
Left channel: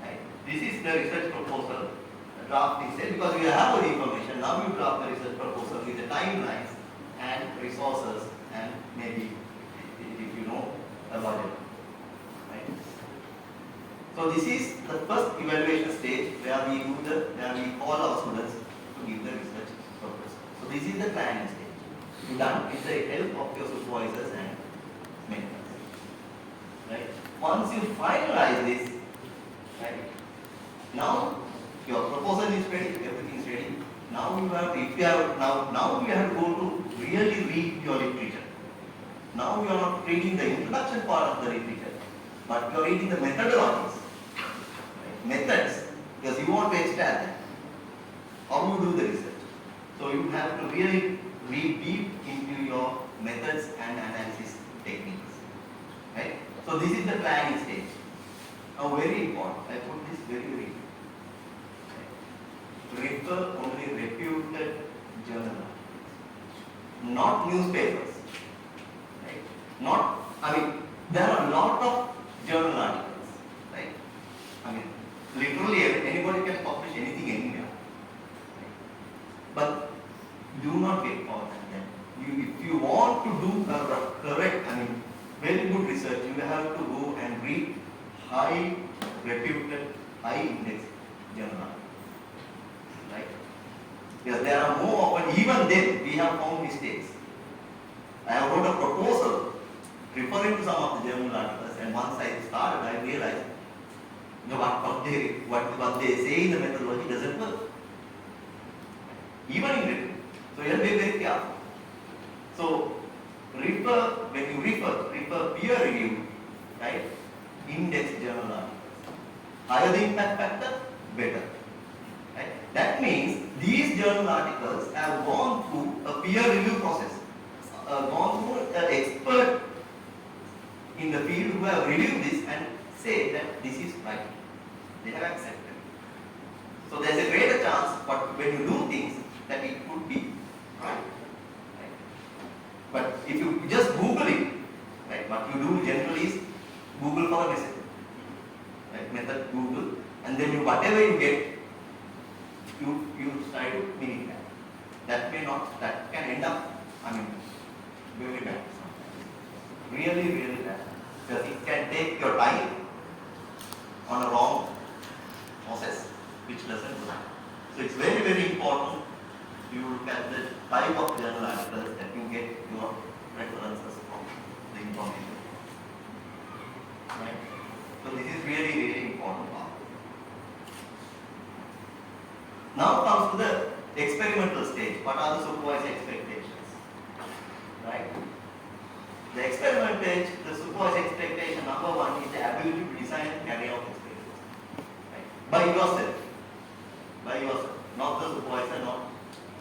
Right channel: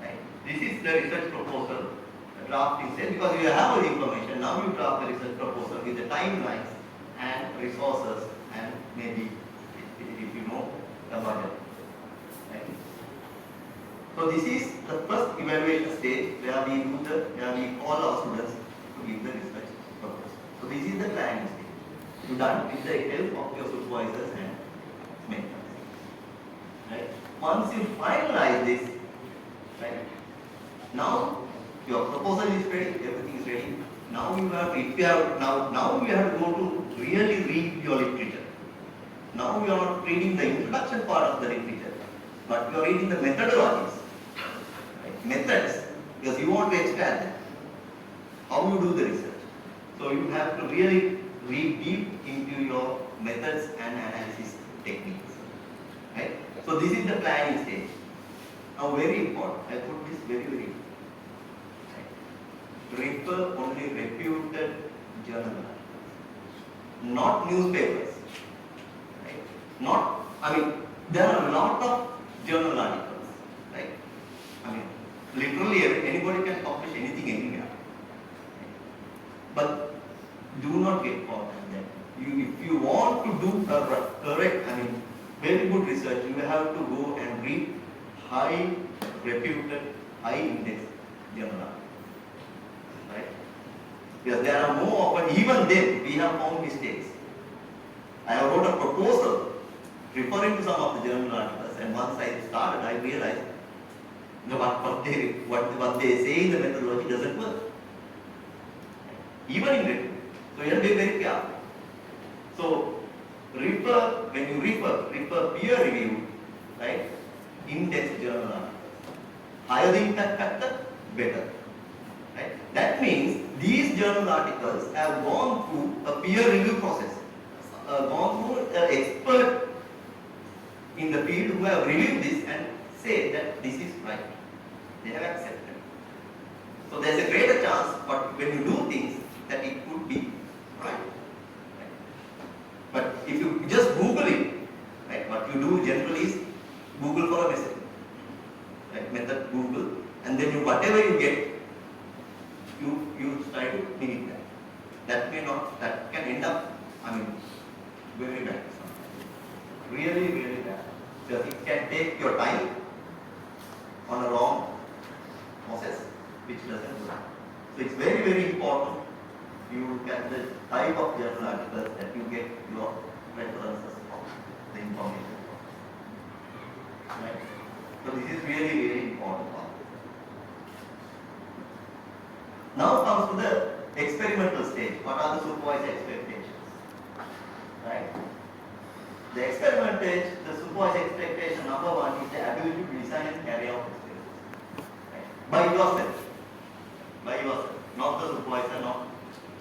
Right? This is the research proposal. Drafting stage, because you have all the information. Now you draft the research proposal with the timelines and resources and maybe if you know about it. Right? So this is the first evaluation stage where we call our students to give the research proposal. So this is the planning stage. You done with the help of your supervisors and mentors. Right? Once you finalize this, right? Now your proposal is ready, everything is ready. Now you have to go to really read your literature. Now you are not reading the introduction part of the literature, but you are reading the methodologies, right? Methods, because you want to extract that. How you do the research. So you have to really read deep into your methods and analysis techniques, right? So this is the planning stage. Now very important. I put this very important. Refer only reputed journals, not newspapers. Right? There are a lot of journal articles. Right? Literally anybody can publish anything anywhere. But do not get caught in that. If you want to do correct, very good research, you have to go and read high reputed, high index journal articles. Right? Because there are more, but even then we have found mistakes. I have wrote a proposal referring to some of the journal articles, and once I started, I realized what they say in the methodology doesn't work. Even in written. So you have to be very careful. So when you refer peer review, right? Index journal articles. Higher the impact factor, better. Right? That means these journal articles have gone through a peer review process, gone through an expert in the field who have reviewed this and say that this is right. They have accepted. So there is a greater chance, but when you do things, that it could be right. Right? But if you just Google it, right, what you do generally is Google for a message. Right? Method Google, and then whatever you get, you try to mean that. That can end up, very bad. Really, really bad. Because it can take your time on a long process, which doesn't work. So it's very, very important you look at the type of journal articles that you get your references from the information. Right? So this is really, really important. Now comes to the experimental stage. What are the supervised expectations? Right? The experimental stage, the supervised expectation number one is the ability to design and carry out experiments. Right? By yourself, not the supervisor, not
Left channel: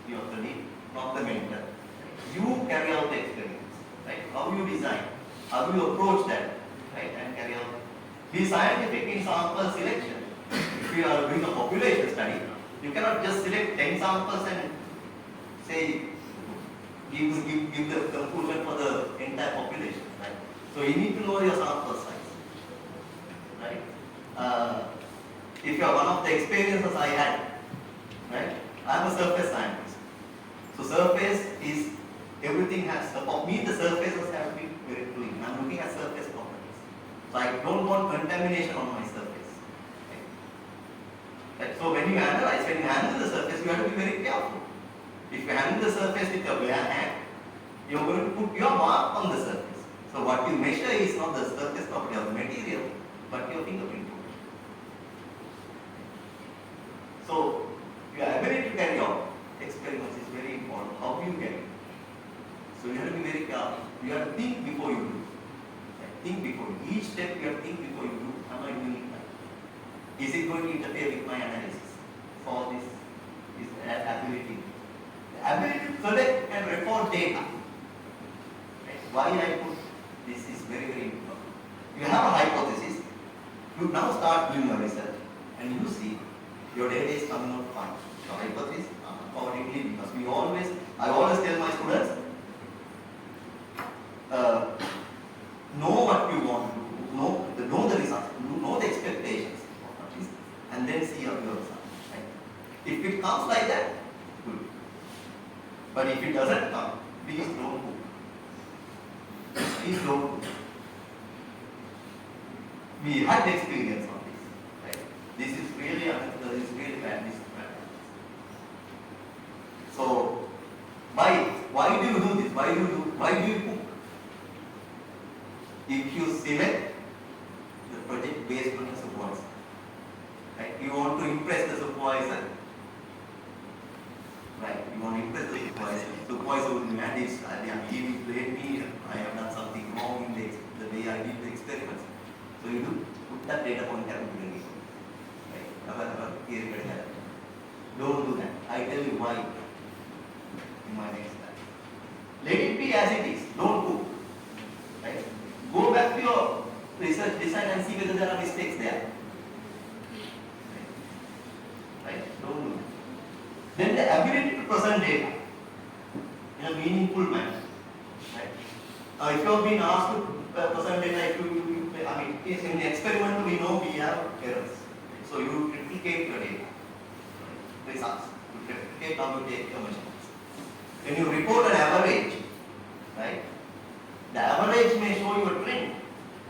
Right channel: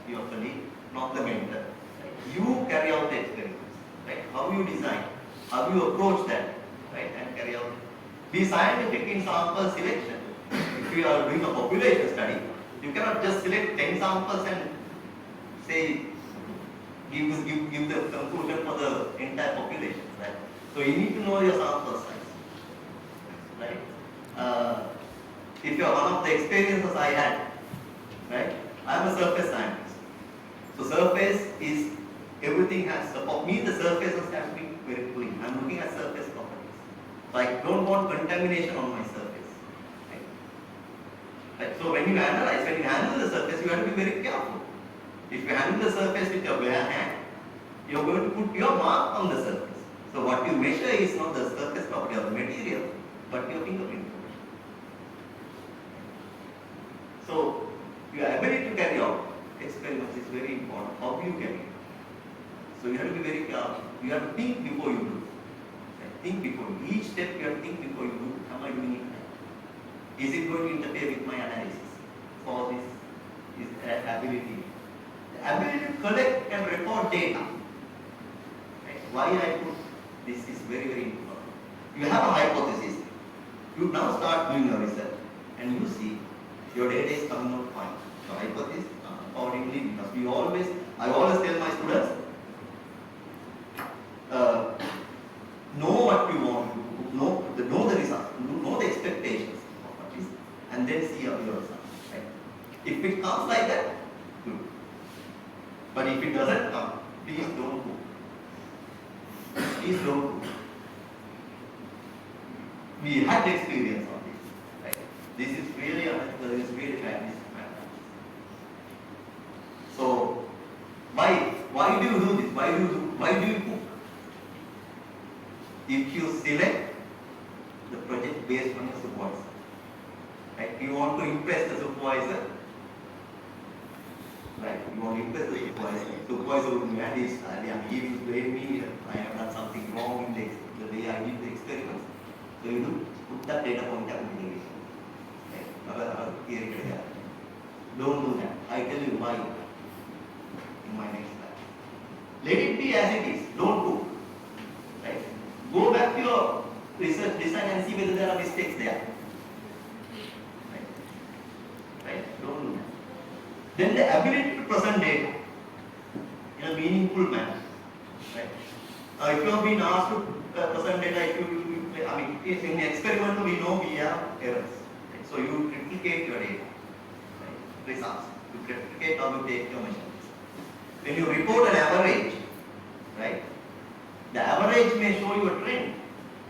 your colleague, not the mentor. you carry out the experiments, right? How you design, how you approach that, right? And carry out. Be scientific in sample selection. If you are doing a population study, you cannot just select 10 samples and say, give the conclusion for the entire population, right? So you need to know your sample size, right? If you are one of the experiences I had, right? I am a surface scientist. So surface is, everything has, for me the surfaces have to be very clean. I am looking at surface properties. So I don't want contamination on my surface. Right? So when you handle the surface, you have to be very careful. If you handle the surface with your bare hand, you are going to put your mark on the surface. So what you measure is not the surface property of the material, but your fingerprint. So your ability to carry out experiments is very important. How do you carry it? So you have to be very careful. You have to think before you do. Think before you. Each step you have to think before you do. Am I doing it right? Is it going to interfere with my analysis? For this is ability. The ability to collect and record data. Right? Why I put this is very, very important. You have a hypothesis. You now start doing your research and you see your data is coming out fine. So hypothesis accordingly, because I always tell my students, know what you want, know the results, know the expectations of what is, and then see how your results. Right? If it comes like that, good. But if it doesn't come, please don't go. Please don't go. We had experience of this. Right? This is really bad. So why do you do this? Why do you cook? If you select the project based on the supervisor, right? You want to impress the supervisor, right? You want to impress the supervisor. Supervisor will demand this, he will blame me, I have done something wrong in the way I did the experiments. So you do put that data point category. Right? Don't do that. I tell you why in my next slide. Let it be as it is. Don't go. Right? Go back to your research design and see whether there are mistakes there. Right? Don't do that. Then the ability to present data in a meaningful manner. Right? If you have been asked to present data, in the experiment we know we have errors. Right? So you replicate your data. Right? Results. You replicate how you take your measurements. When you report an average, right? The average may show you a trend,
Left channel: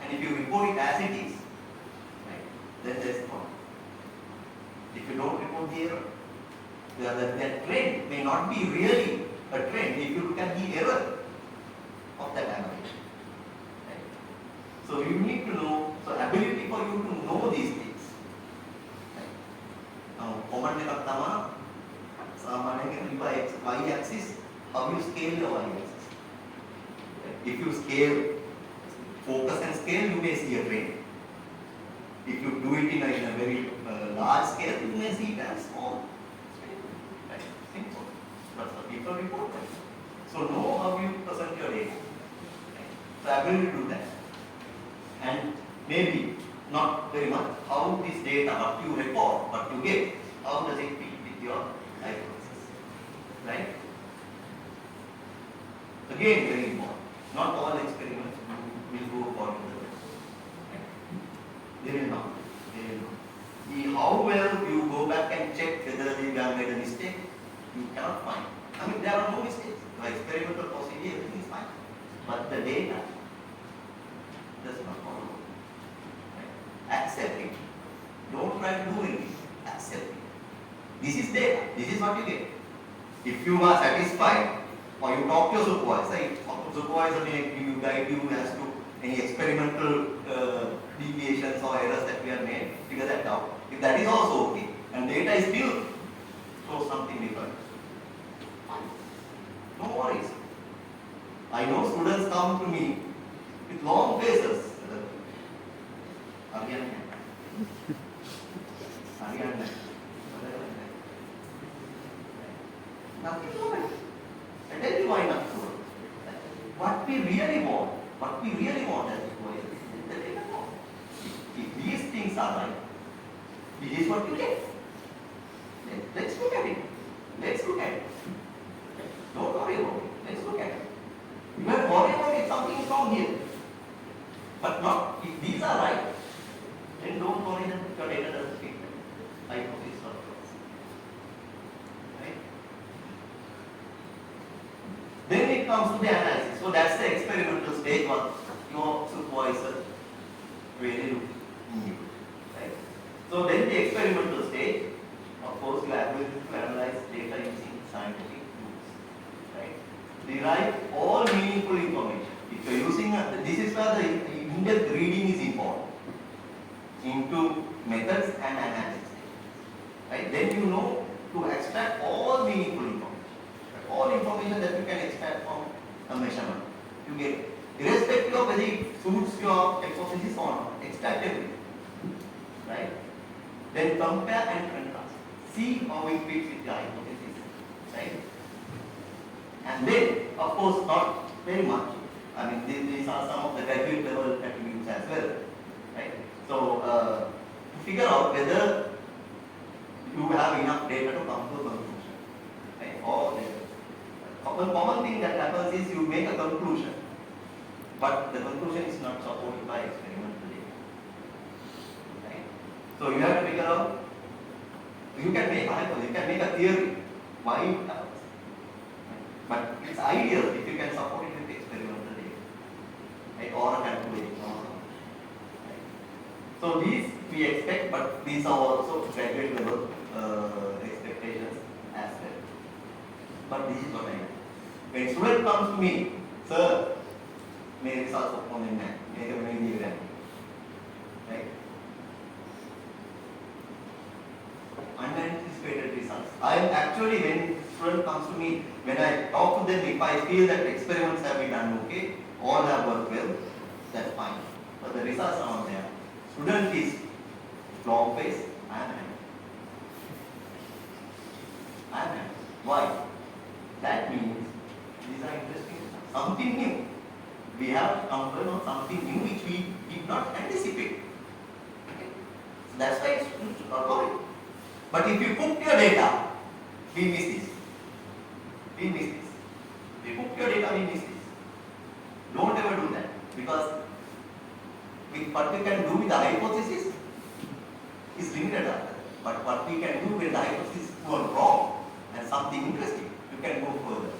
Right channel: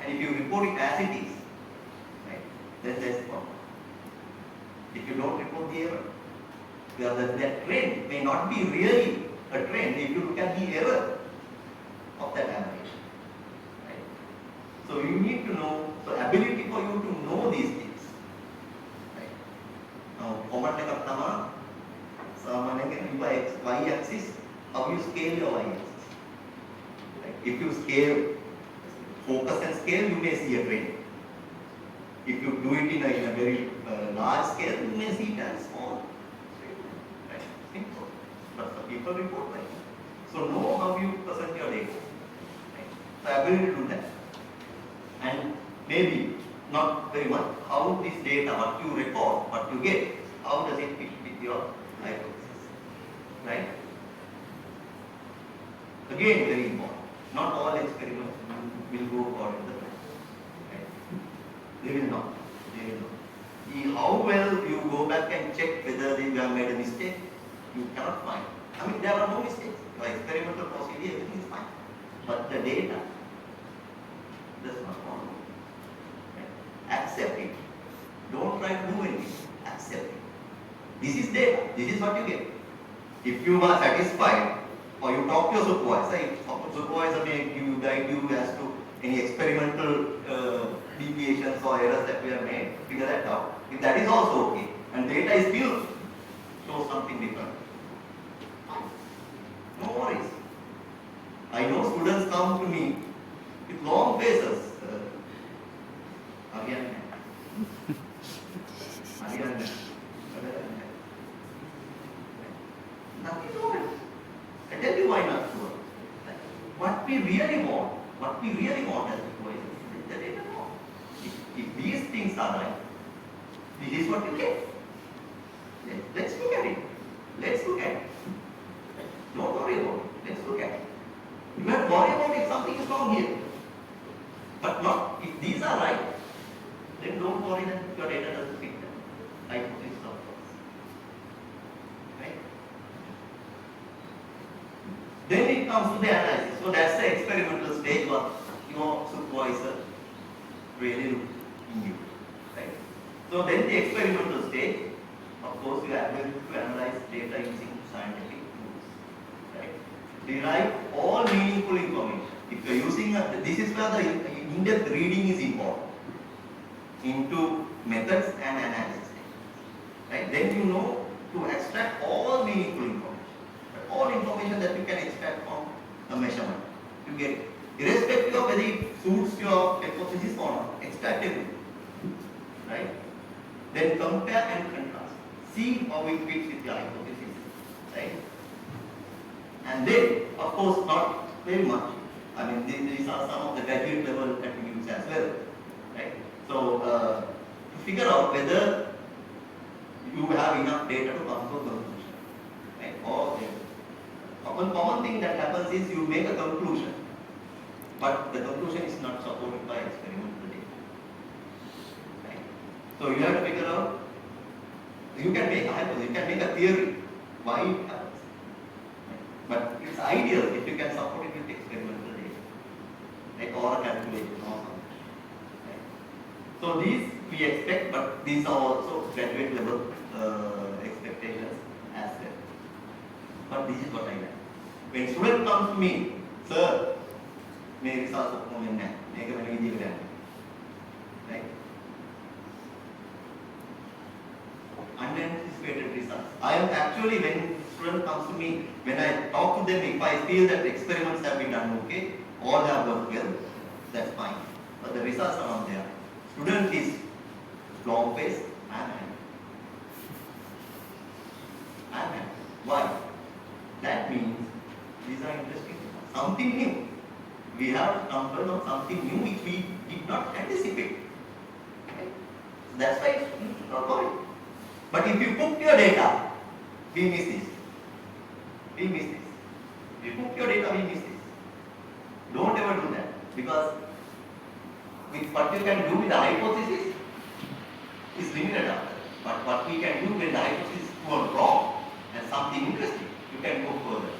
and if you report it as it is, right, then there's a problem. If you don't report the error, because that trend may not be really a trend if you look at the error of that average. Right? So you need to know, so ability for you to know these things. Right? Now, common එකක් තමයි සාමාන්‍යයෙන් y-axis, how you scale your y-axis. If you scale, focus and scale, you may see a trend. If you do it in a very large scale, you may see it as small. Right? Simple. But the people report like that. So know how you present your data. Right? The ability to do that. And maybe not very much how this data, what you report, what you get, how does it fit with your hypothesis. Right? Again, very important. Not all experiments will go according to the plan. They will not. How well you go back and check whether you have made a mistake, you cannot find. There are no mistakes. Your experimental procedure, everything is fine. But the data does not follow. Right? Accept it. Don't try to do anything. Accept it. This is data. This is what you get. If you are satisfied, or you talk to your supervisor, supervisor may guide you as to any experimental deviations or errors that we have made, figure that out. If that is also okay, and data is still shows something different, no worries. I know students come to me with long faces. Nothing wrong. I tell you why not. what we really want as supervisors is the data form. If these things are right, this is what you get. Let's look at it. Let's look at it. Don't worry about it. Let's look at it. You have to worry about if something is wrong here. But not, if these are right, then don't worry that your data doesn't fit the hypothesis of course. Right? Then it comes to the analysis. So that's the experimental stage what your supervisor really looks into. Right? So then the experimental stage, of course, you are going to analyze data using scientific tools. Right? Derive all meaningful information. If you are using this is where the in-depth reading is important into methods and analysis. Right? Then you know to extract all meaningful information. All information that you can extract from a measurement. You get irrespective of whether it suits your hypothesis or not. Extract everything. Right? Then compare and contrast. See how it fits with your hypothesis. Right? And then, of course, not very much. I mean, these are some of the graduate level attributes as well. Right? So, to figure out whether you have enough data to come to a conclusion. Right? Or the common thing that happens is you make a conclusion, but the conclusion is not supported by experimental data. Right? So, you have to figure out, you can make a hypothesis, you can make a theory why it happens. But it's ideal if you can support it with experimental data. Right? Or a calculation or something. Right? So these we expect, but these are also graduate level expectations as well. But this is what I like. When a student comes to me, sir, may results of home and make a very easy exam. Right? Unanticipated results. I am actually, when student comes to me, when I talk to them, if I feel that experiments have been done okay, all have worked well, that's fine. But the results are not there. Student is long faced, I am happy. I am happy. Why? That means these are interesting. Something new. We have numbers of something new which we did not anticipate. Okay? That's why it's not worry. But if you put your data, we miss this. We miss this. We put your data, we miss this. Don't ever do that, because with what you can do with the hypothesis is limited after. But what we can do with the hypothesis is wrong and something interesting, you can go further.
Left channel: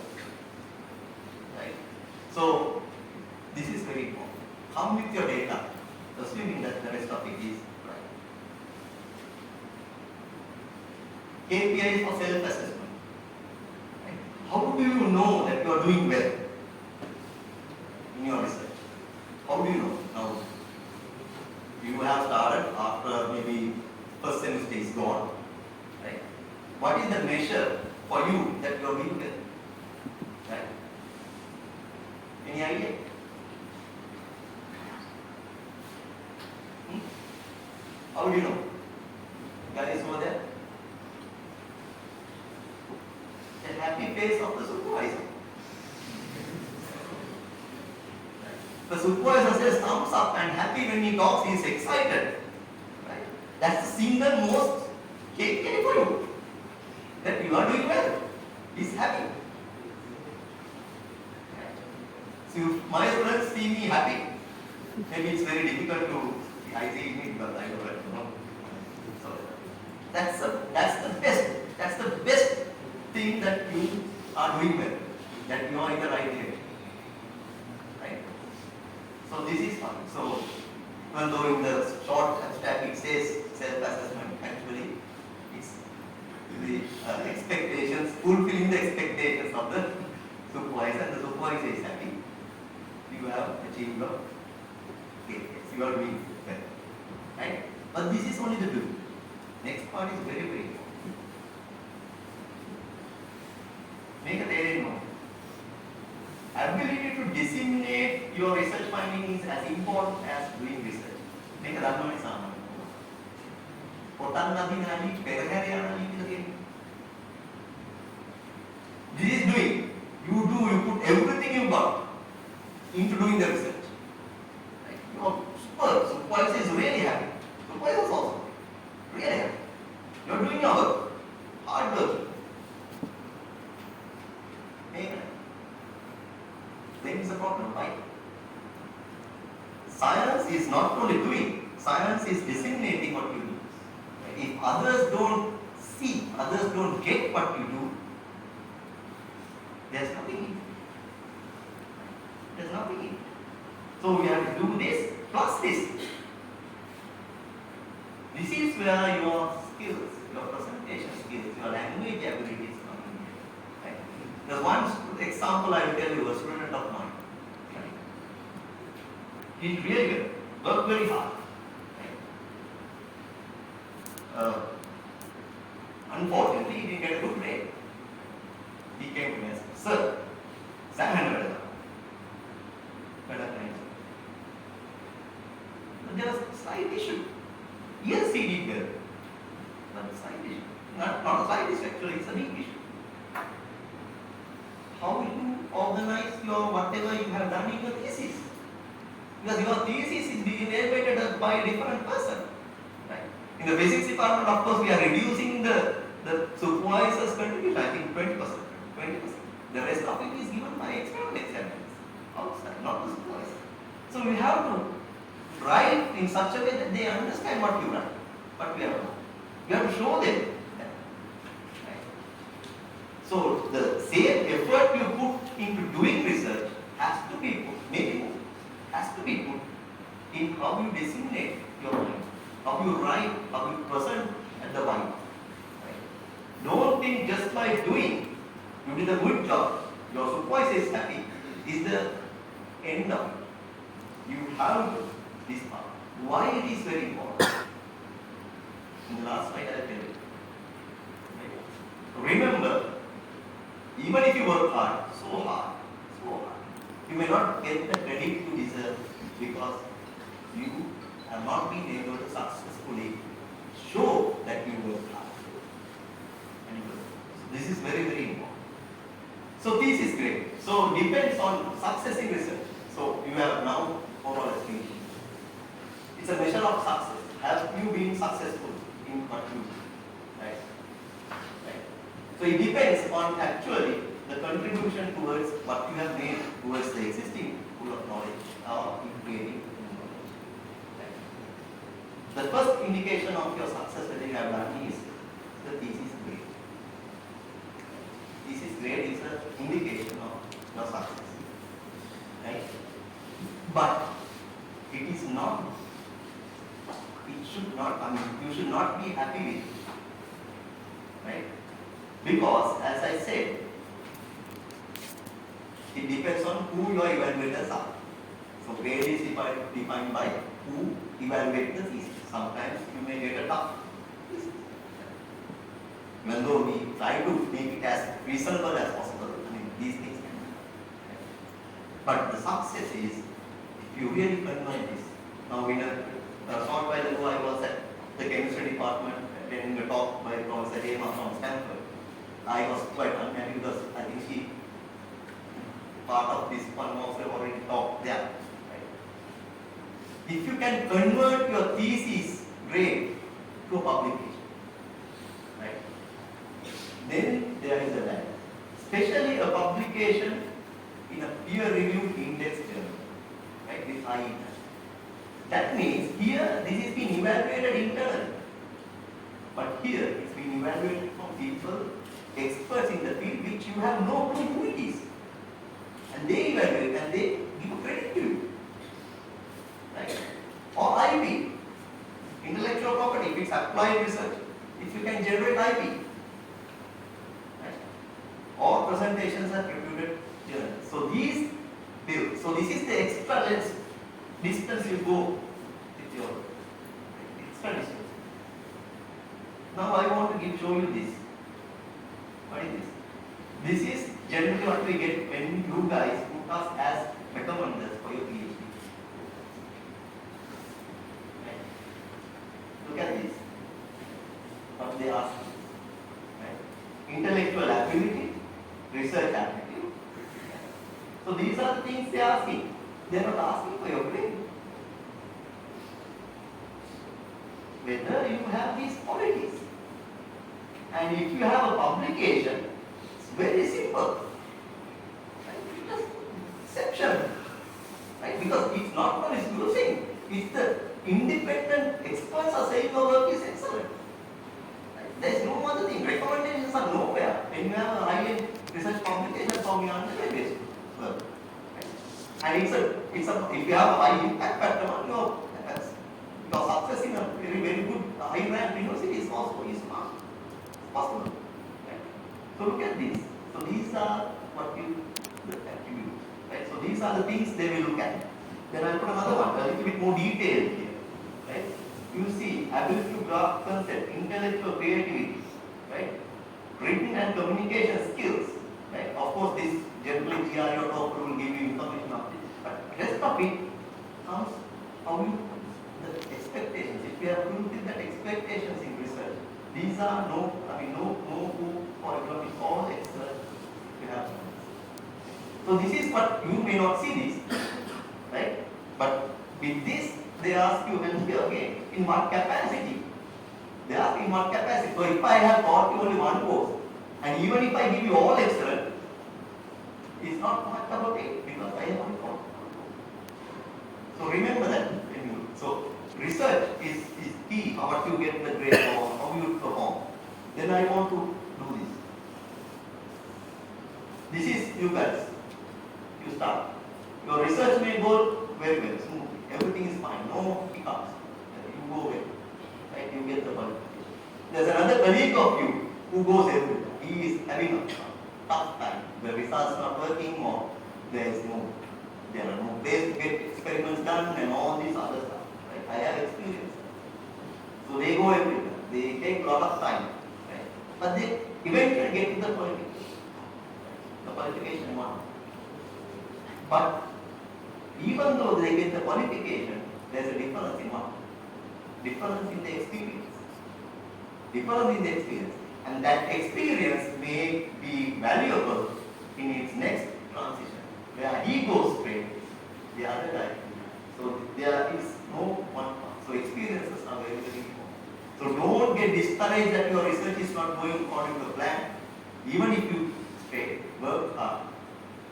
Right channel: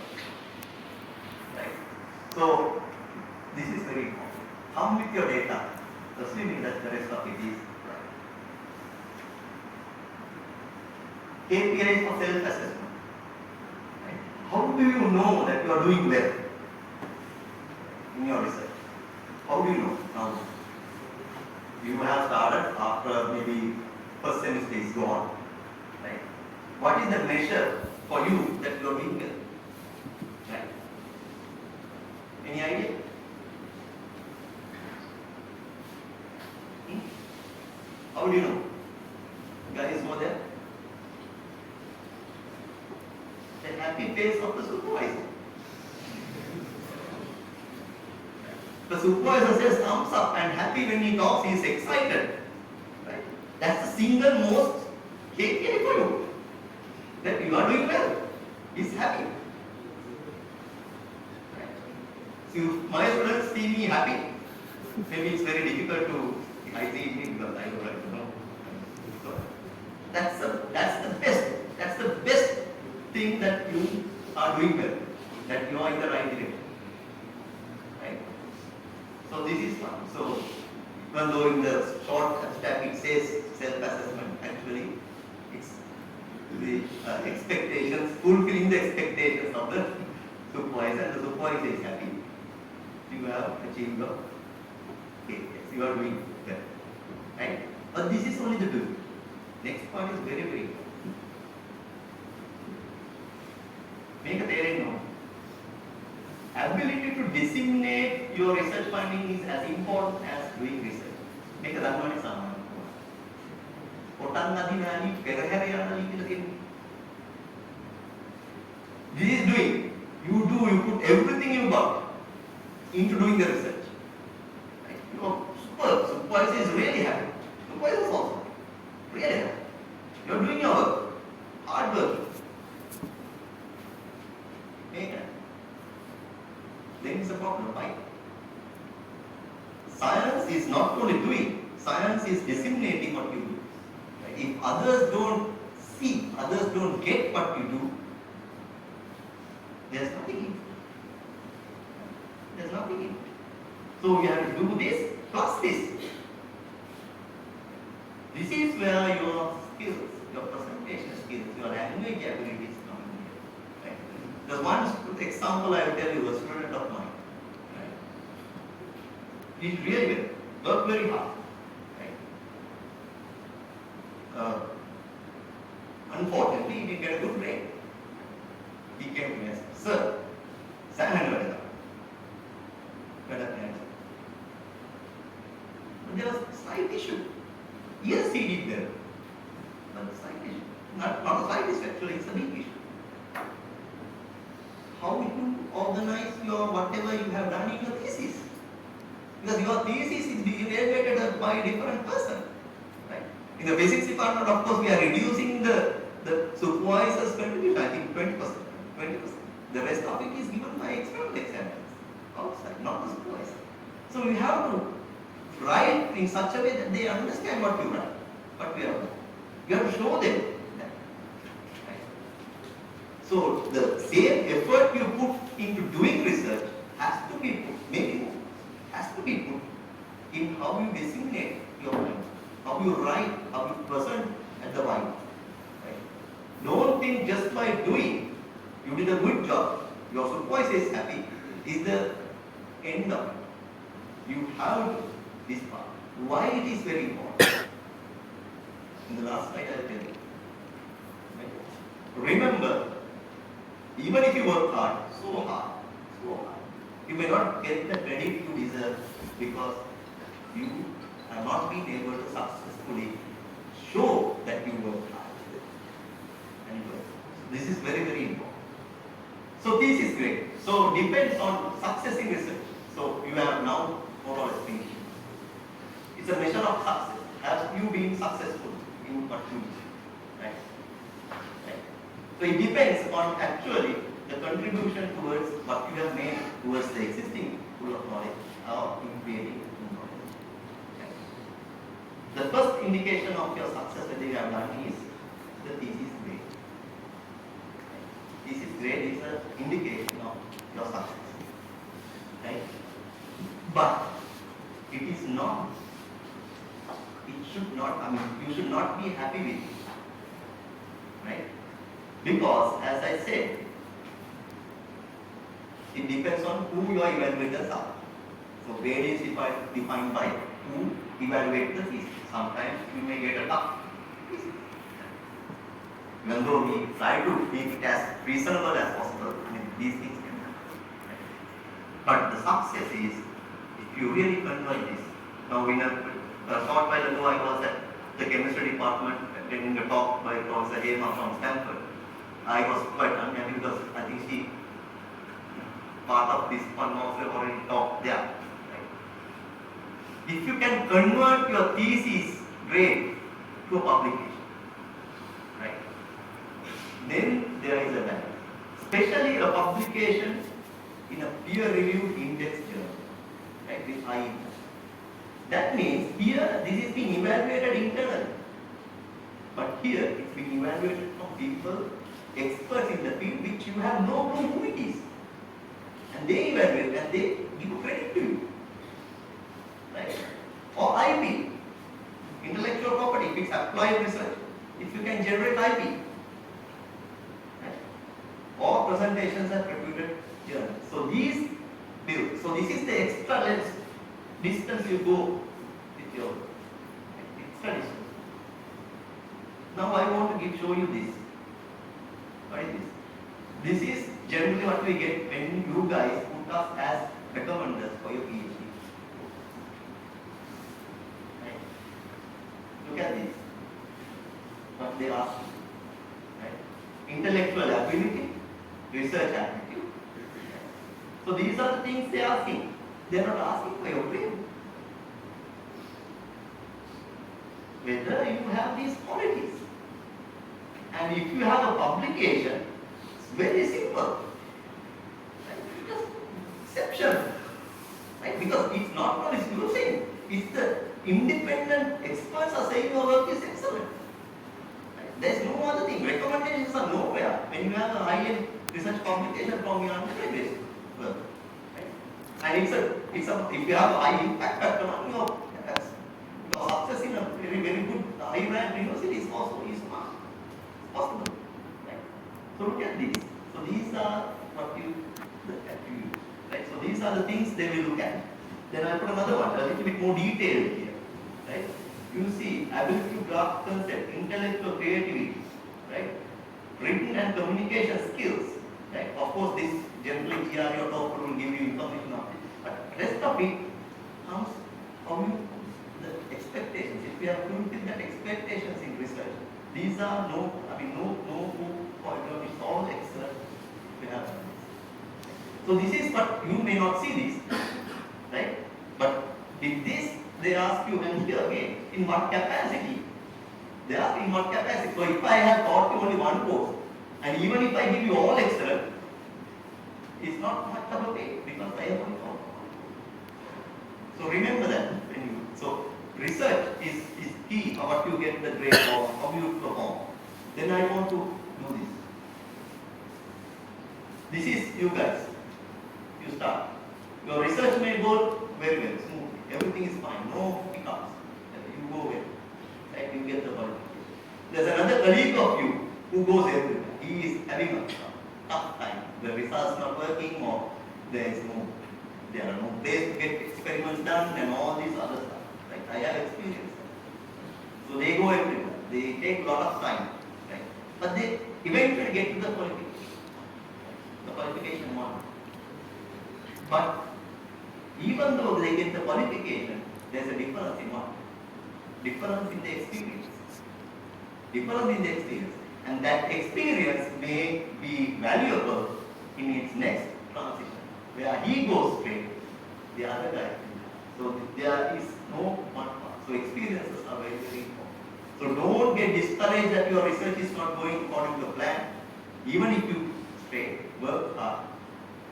Right? So this is very important. Come with your data, assuming that the rest of it is right. KPIs for self-assessment. Right? How do you know that you are doing well in your research? How do you know? Now, you have started after maybe first semester is gone. Right? What is the measure for you that you are doing well? Right? Any idea? How do you know? Guys over there? The happy face of the supervisor. The supervisor says thumbs up and happy when he talks, he is excited. Right? That's the single most KPI for you. That you are doing well. He is happy. Right? So if my students see me happy, maybe it's very difficult to I see me because I don't know. So that's the best thing that you are doing well, that you are in the right direction. Right? So this is fun. So even though in the short abstract it says self-assessment, actually it's the expectations, fulfilling the expectations of the supervisor, and the supervisor is happy. You have achieved your KPIs. You are doing well. Right? But this is only the beginning. Next part is very, very important. Make a theory note. Ability to disseminate your research findings is as important as doing research. Make a Dharmani Saman. This is doing. You put everything you got into doing the research. work. Supervisor is really happy. Supervisors also. Really happy. You are doing your work. Hard work. Amen. Then is the problem. Why? Science is not only doing, science is disseminating what you do. Right? If others don't see, others don't get what you do, there's nothing in it. There's nothing in it. So you have to do this plus this. This is where your skills, your presentation skills, your language abilities come in. Right? There's one example I will tell you, a student of mine. Right? He really well, worked very hard. Right? Unfortunately, he didn't get a good grade. He came to me and said, "Sir, exam there was a slight issue. Yes, he did well. Not a slight issue. Not a slight issue, actually, it's a big issue. How will you organize your whatever you have done in your thesis? Because your thesis is being evaluated by a different person. Right? In the physics department, of course, we are reducing the supervisor's contribution, I think 20%. 20%. The rest of it is given by external examiners outside, not the supervisor. So we have to write in such a way that they understand what you write, what we have done. We have to show them that. Right? So the same effort you put into doing research has to be put, maybe more, has to be put in how you disseminate your mind, how you write, how you present at the mind. Right? Don't think just by doing, you did a good job, your supervisor is happy, is the end of it. You have to this part. Why it is very important? In the last slide I will tell you. Right? Remember, even if you work hard, so hard, you may not get the credit you deserve because you are not being able to successfully show that you work hard. Anyway, this is very, very important. So this is great. So depends on success in research. So you have now more or less finished. It's a measure of success. Have you been successful in what you do? Right? Right? So it depends on actually the contribution towards what you have made towards the existing pool of knowledge or in creating new knowledge. Right? The first indication of your success whether you have done is the thesis grade. Thesis grade is an indication of your success. Right? But it is not, it should not, you should not be happy with it. Right? Because, as I said, it depends on who your evaluators are. So, grade is defined by who evaluates the thesis. Sometimes you may get a tough thesis. Even though we try to make it as reasonable as possible, these things can be. Right? But the success is if you really convert this. Now, in a short while ago, I was at the chemistry department attending a talk by Professor Hema from Stanford. I was quite unhappy because I think she, part of this one also already talked there. Right? If you can convert your thesis grade to a publication, right, then there is a value. Especially a publication in a peer-reviewed index journal, right, with high impact. That means here this is being evaluated internally, but here it's being evaluated from people, experts in the field which you have no clue who it is. And they evaluate and they give credit to you. Right? Or IP, intellectual property, if it's applied research, if you can generate IP. Right? Or presentations are reputed journals. So these build. So this is the extra distance you go with your extra distance. Now I want to show you this. What is this? This is generally what we get when you guys put us as recommenders for your PhD. Right? Look at this. What they ask you. Right? Intellectual ability, research aptitude. So these are the things they are asking. They are not asking for your grade. whether you have these qualities. And if you have a publication, it's very simple. Right? Because exception. Right? Because it's not what is using. It's the independent experts are saying your work is excellent. Right? There's no other thing. Recommendations are nowhere when you have a high-end research publication from your undergraduate work. Right? And if you have a high impact factor, your success in a very, very good high-ranked university is also possible. Right? So look at these. So these are what you look at. Right? So these are the things they will look at. Then I put another one, a little bit more detailed here. Right? You see, ability to grasp concept, intellectual creativity, right? Written and communication skills. Right? Of course, this generally GRE or TOEFL will give you information on this. But rest of it comes how you the expectations. If you have fulfilled that expectations in research, these are no for example, it's all excellent. You have. So this is what you may not see this, right? But with this, they ask you again, in what capacity? They ask in what capacity. So if I have taught you only one course, and even if I give you all excellent, it's not much of a pay because I have only taught. So remember that. So research is key. How you get the grade or how you perform. Then I want to do this. This is you guys. You start. Your research may go very well, smooth. Everything is fine. No hiccups. You go well. Right? You get the qualification. There's another colleague of you who goes everywhere. He is having a tough time. The results not working or there are no ways to get experiments done and all these other stuff. Right? I have experience. So they go everywhere. They take a lot of time. Right? But they eventually get to the qualification. The qualification one. But even though they get the qualification, there's a difference in what? Difference in the experience. Difference in the experience. And that experience may be valuable in its next transition. Where he goes straight, the other guy. So there is no one path. So experiences are very, very important. So don't get discouraged that your research is not going according to plan. Even if you work hard,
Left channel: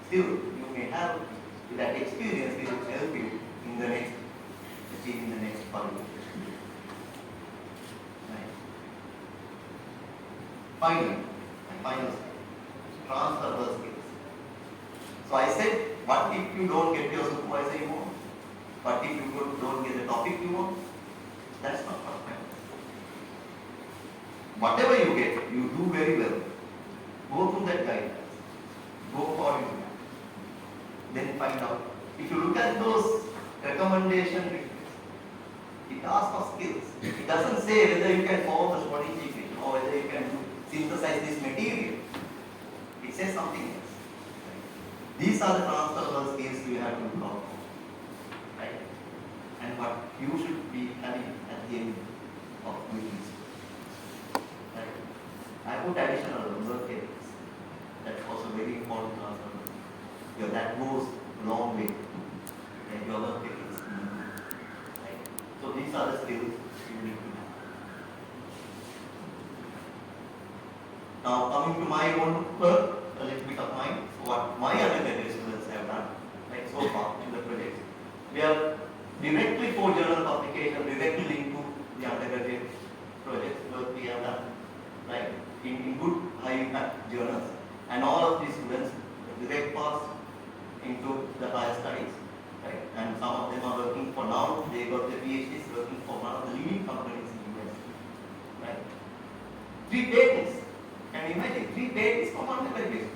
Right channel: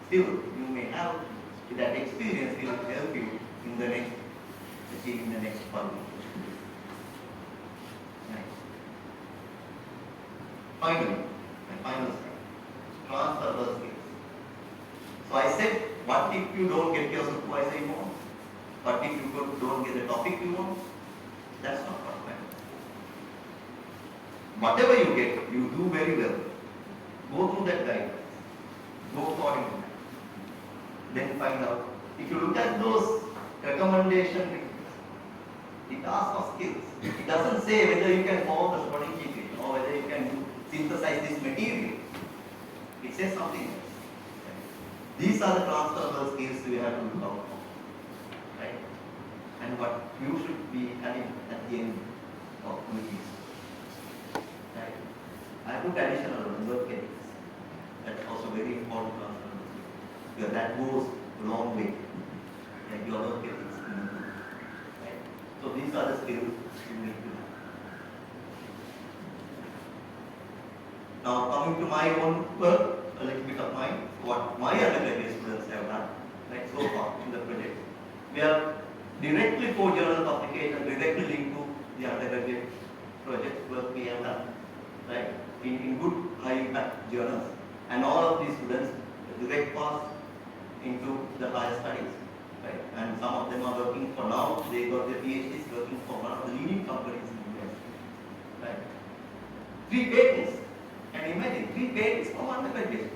still you may have that experience will help you in the next qualification. Next. Finally, the final slide. Transferable skills. So I said, what if you don't get your supervisor you want? What if you don't get the topic you want? That's not what I meant. Whatever you get, you do very well. Go through that guidance. Go for it. Then find out. If you look at those recommendation, it asks for skills. It doesn't say whether you can follow the strategy or whether you can synthesize this material. It says something else. These are the transferable skills you have to look out for. Right? And what you should be having at the end of meetings. Right? I put additional work ethics. That's also very important transferable. Because that goes a long way. Right? Your work ethics. Right? So these are the skills you need to have. Now coming to my own work, a little bit of mine. So what my undergraduate students have done, right, so far in the project. We have directly for journal publication, directly linked to the undergraduate project work we have done, right, in good high impact journals. And all of these students direct pass into the higher studies, right? And some of them are working for now, they got their PhDs working for one of the leading companies in the US, right? 3 patents. Can you imagine? 3 patents from undergraduate.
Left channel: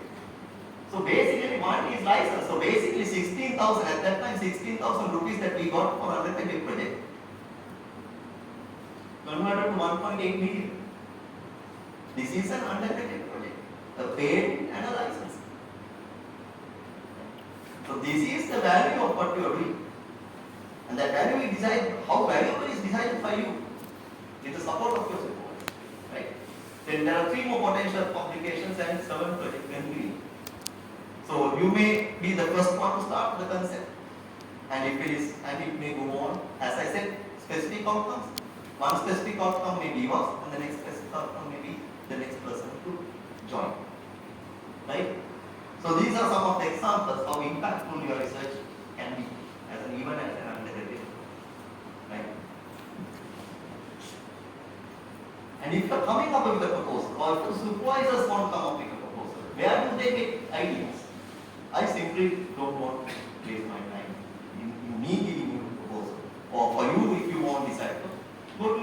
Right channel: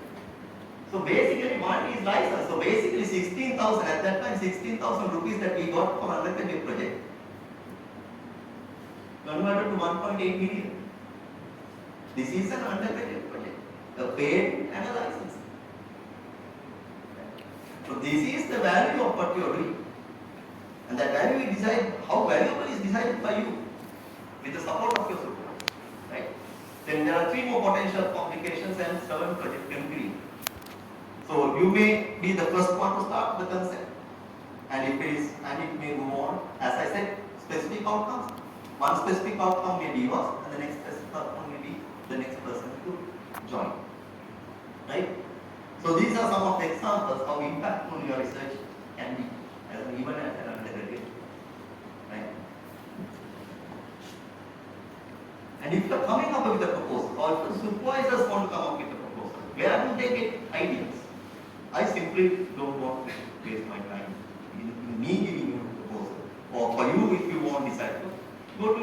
So basically one is license. So basically 16,000 at that time, 16,000 rupees that we got for undergraduate project converted to 1.8 million. This is an undergraduate project, a patent and a license. So this is the value of what you are doing. And that value is decided, how valuable is decided by you with the support of your supervisor. Right? Then there are 3 more potential publications and 7 project completed. So you may be the first one to start the concept. And it may go on, as I said, specific outcomes. one specific outcome may be yours, and the next specific outcome may be the next person to join. Right? So these are some of the examples of impactful your research can be as an even as an undergraduate. Right? And if you are coming up with a proposal, or if the supervisors want to come up with a proposal, where do they get ideas? I simply don't want to waste my time in me giving you a proposal, or for you if you want to decide to go to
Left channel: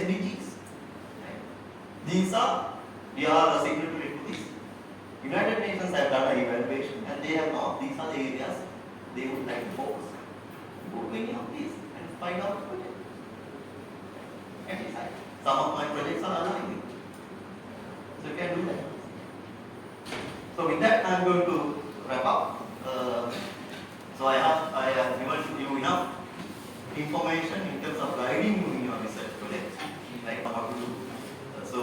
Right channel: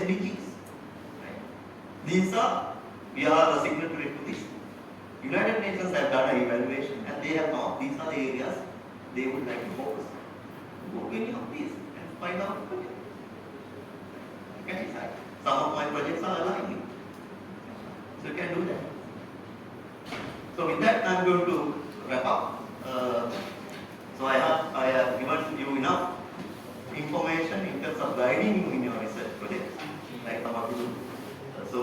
SDGs. Right? We are the signatory to this. United Nations have done an evaluation and they have now, these are the areas they would like to focus. Go to any of these and find out the project. You can decide. Some of my projects are aligning. So you can do that. So with that I am going to wrap up. So I have given you enough information in terms of guiding you in your research project, like what to do. So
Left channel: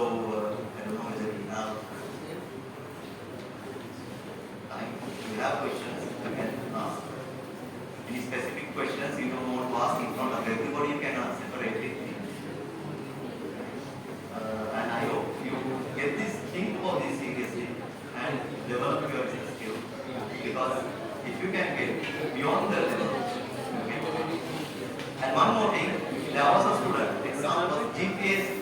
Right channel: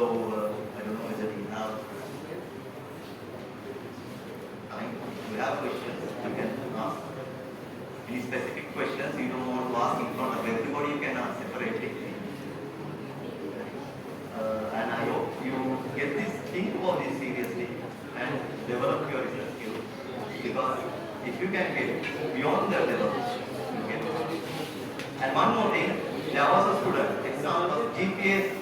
I don't know whether we have time. If you have questions, you can ask. Any specific questions you don't want to ask in front of everybody, you can answer correctly. And I hope you get this, think about this seriously and develop your research skills. Because if you can get beyond the level, okay. And one more thing, there was a student, example, GPA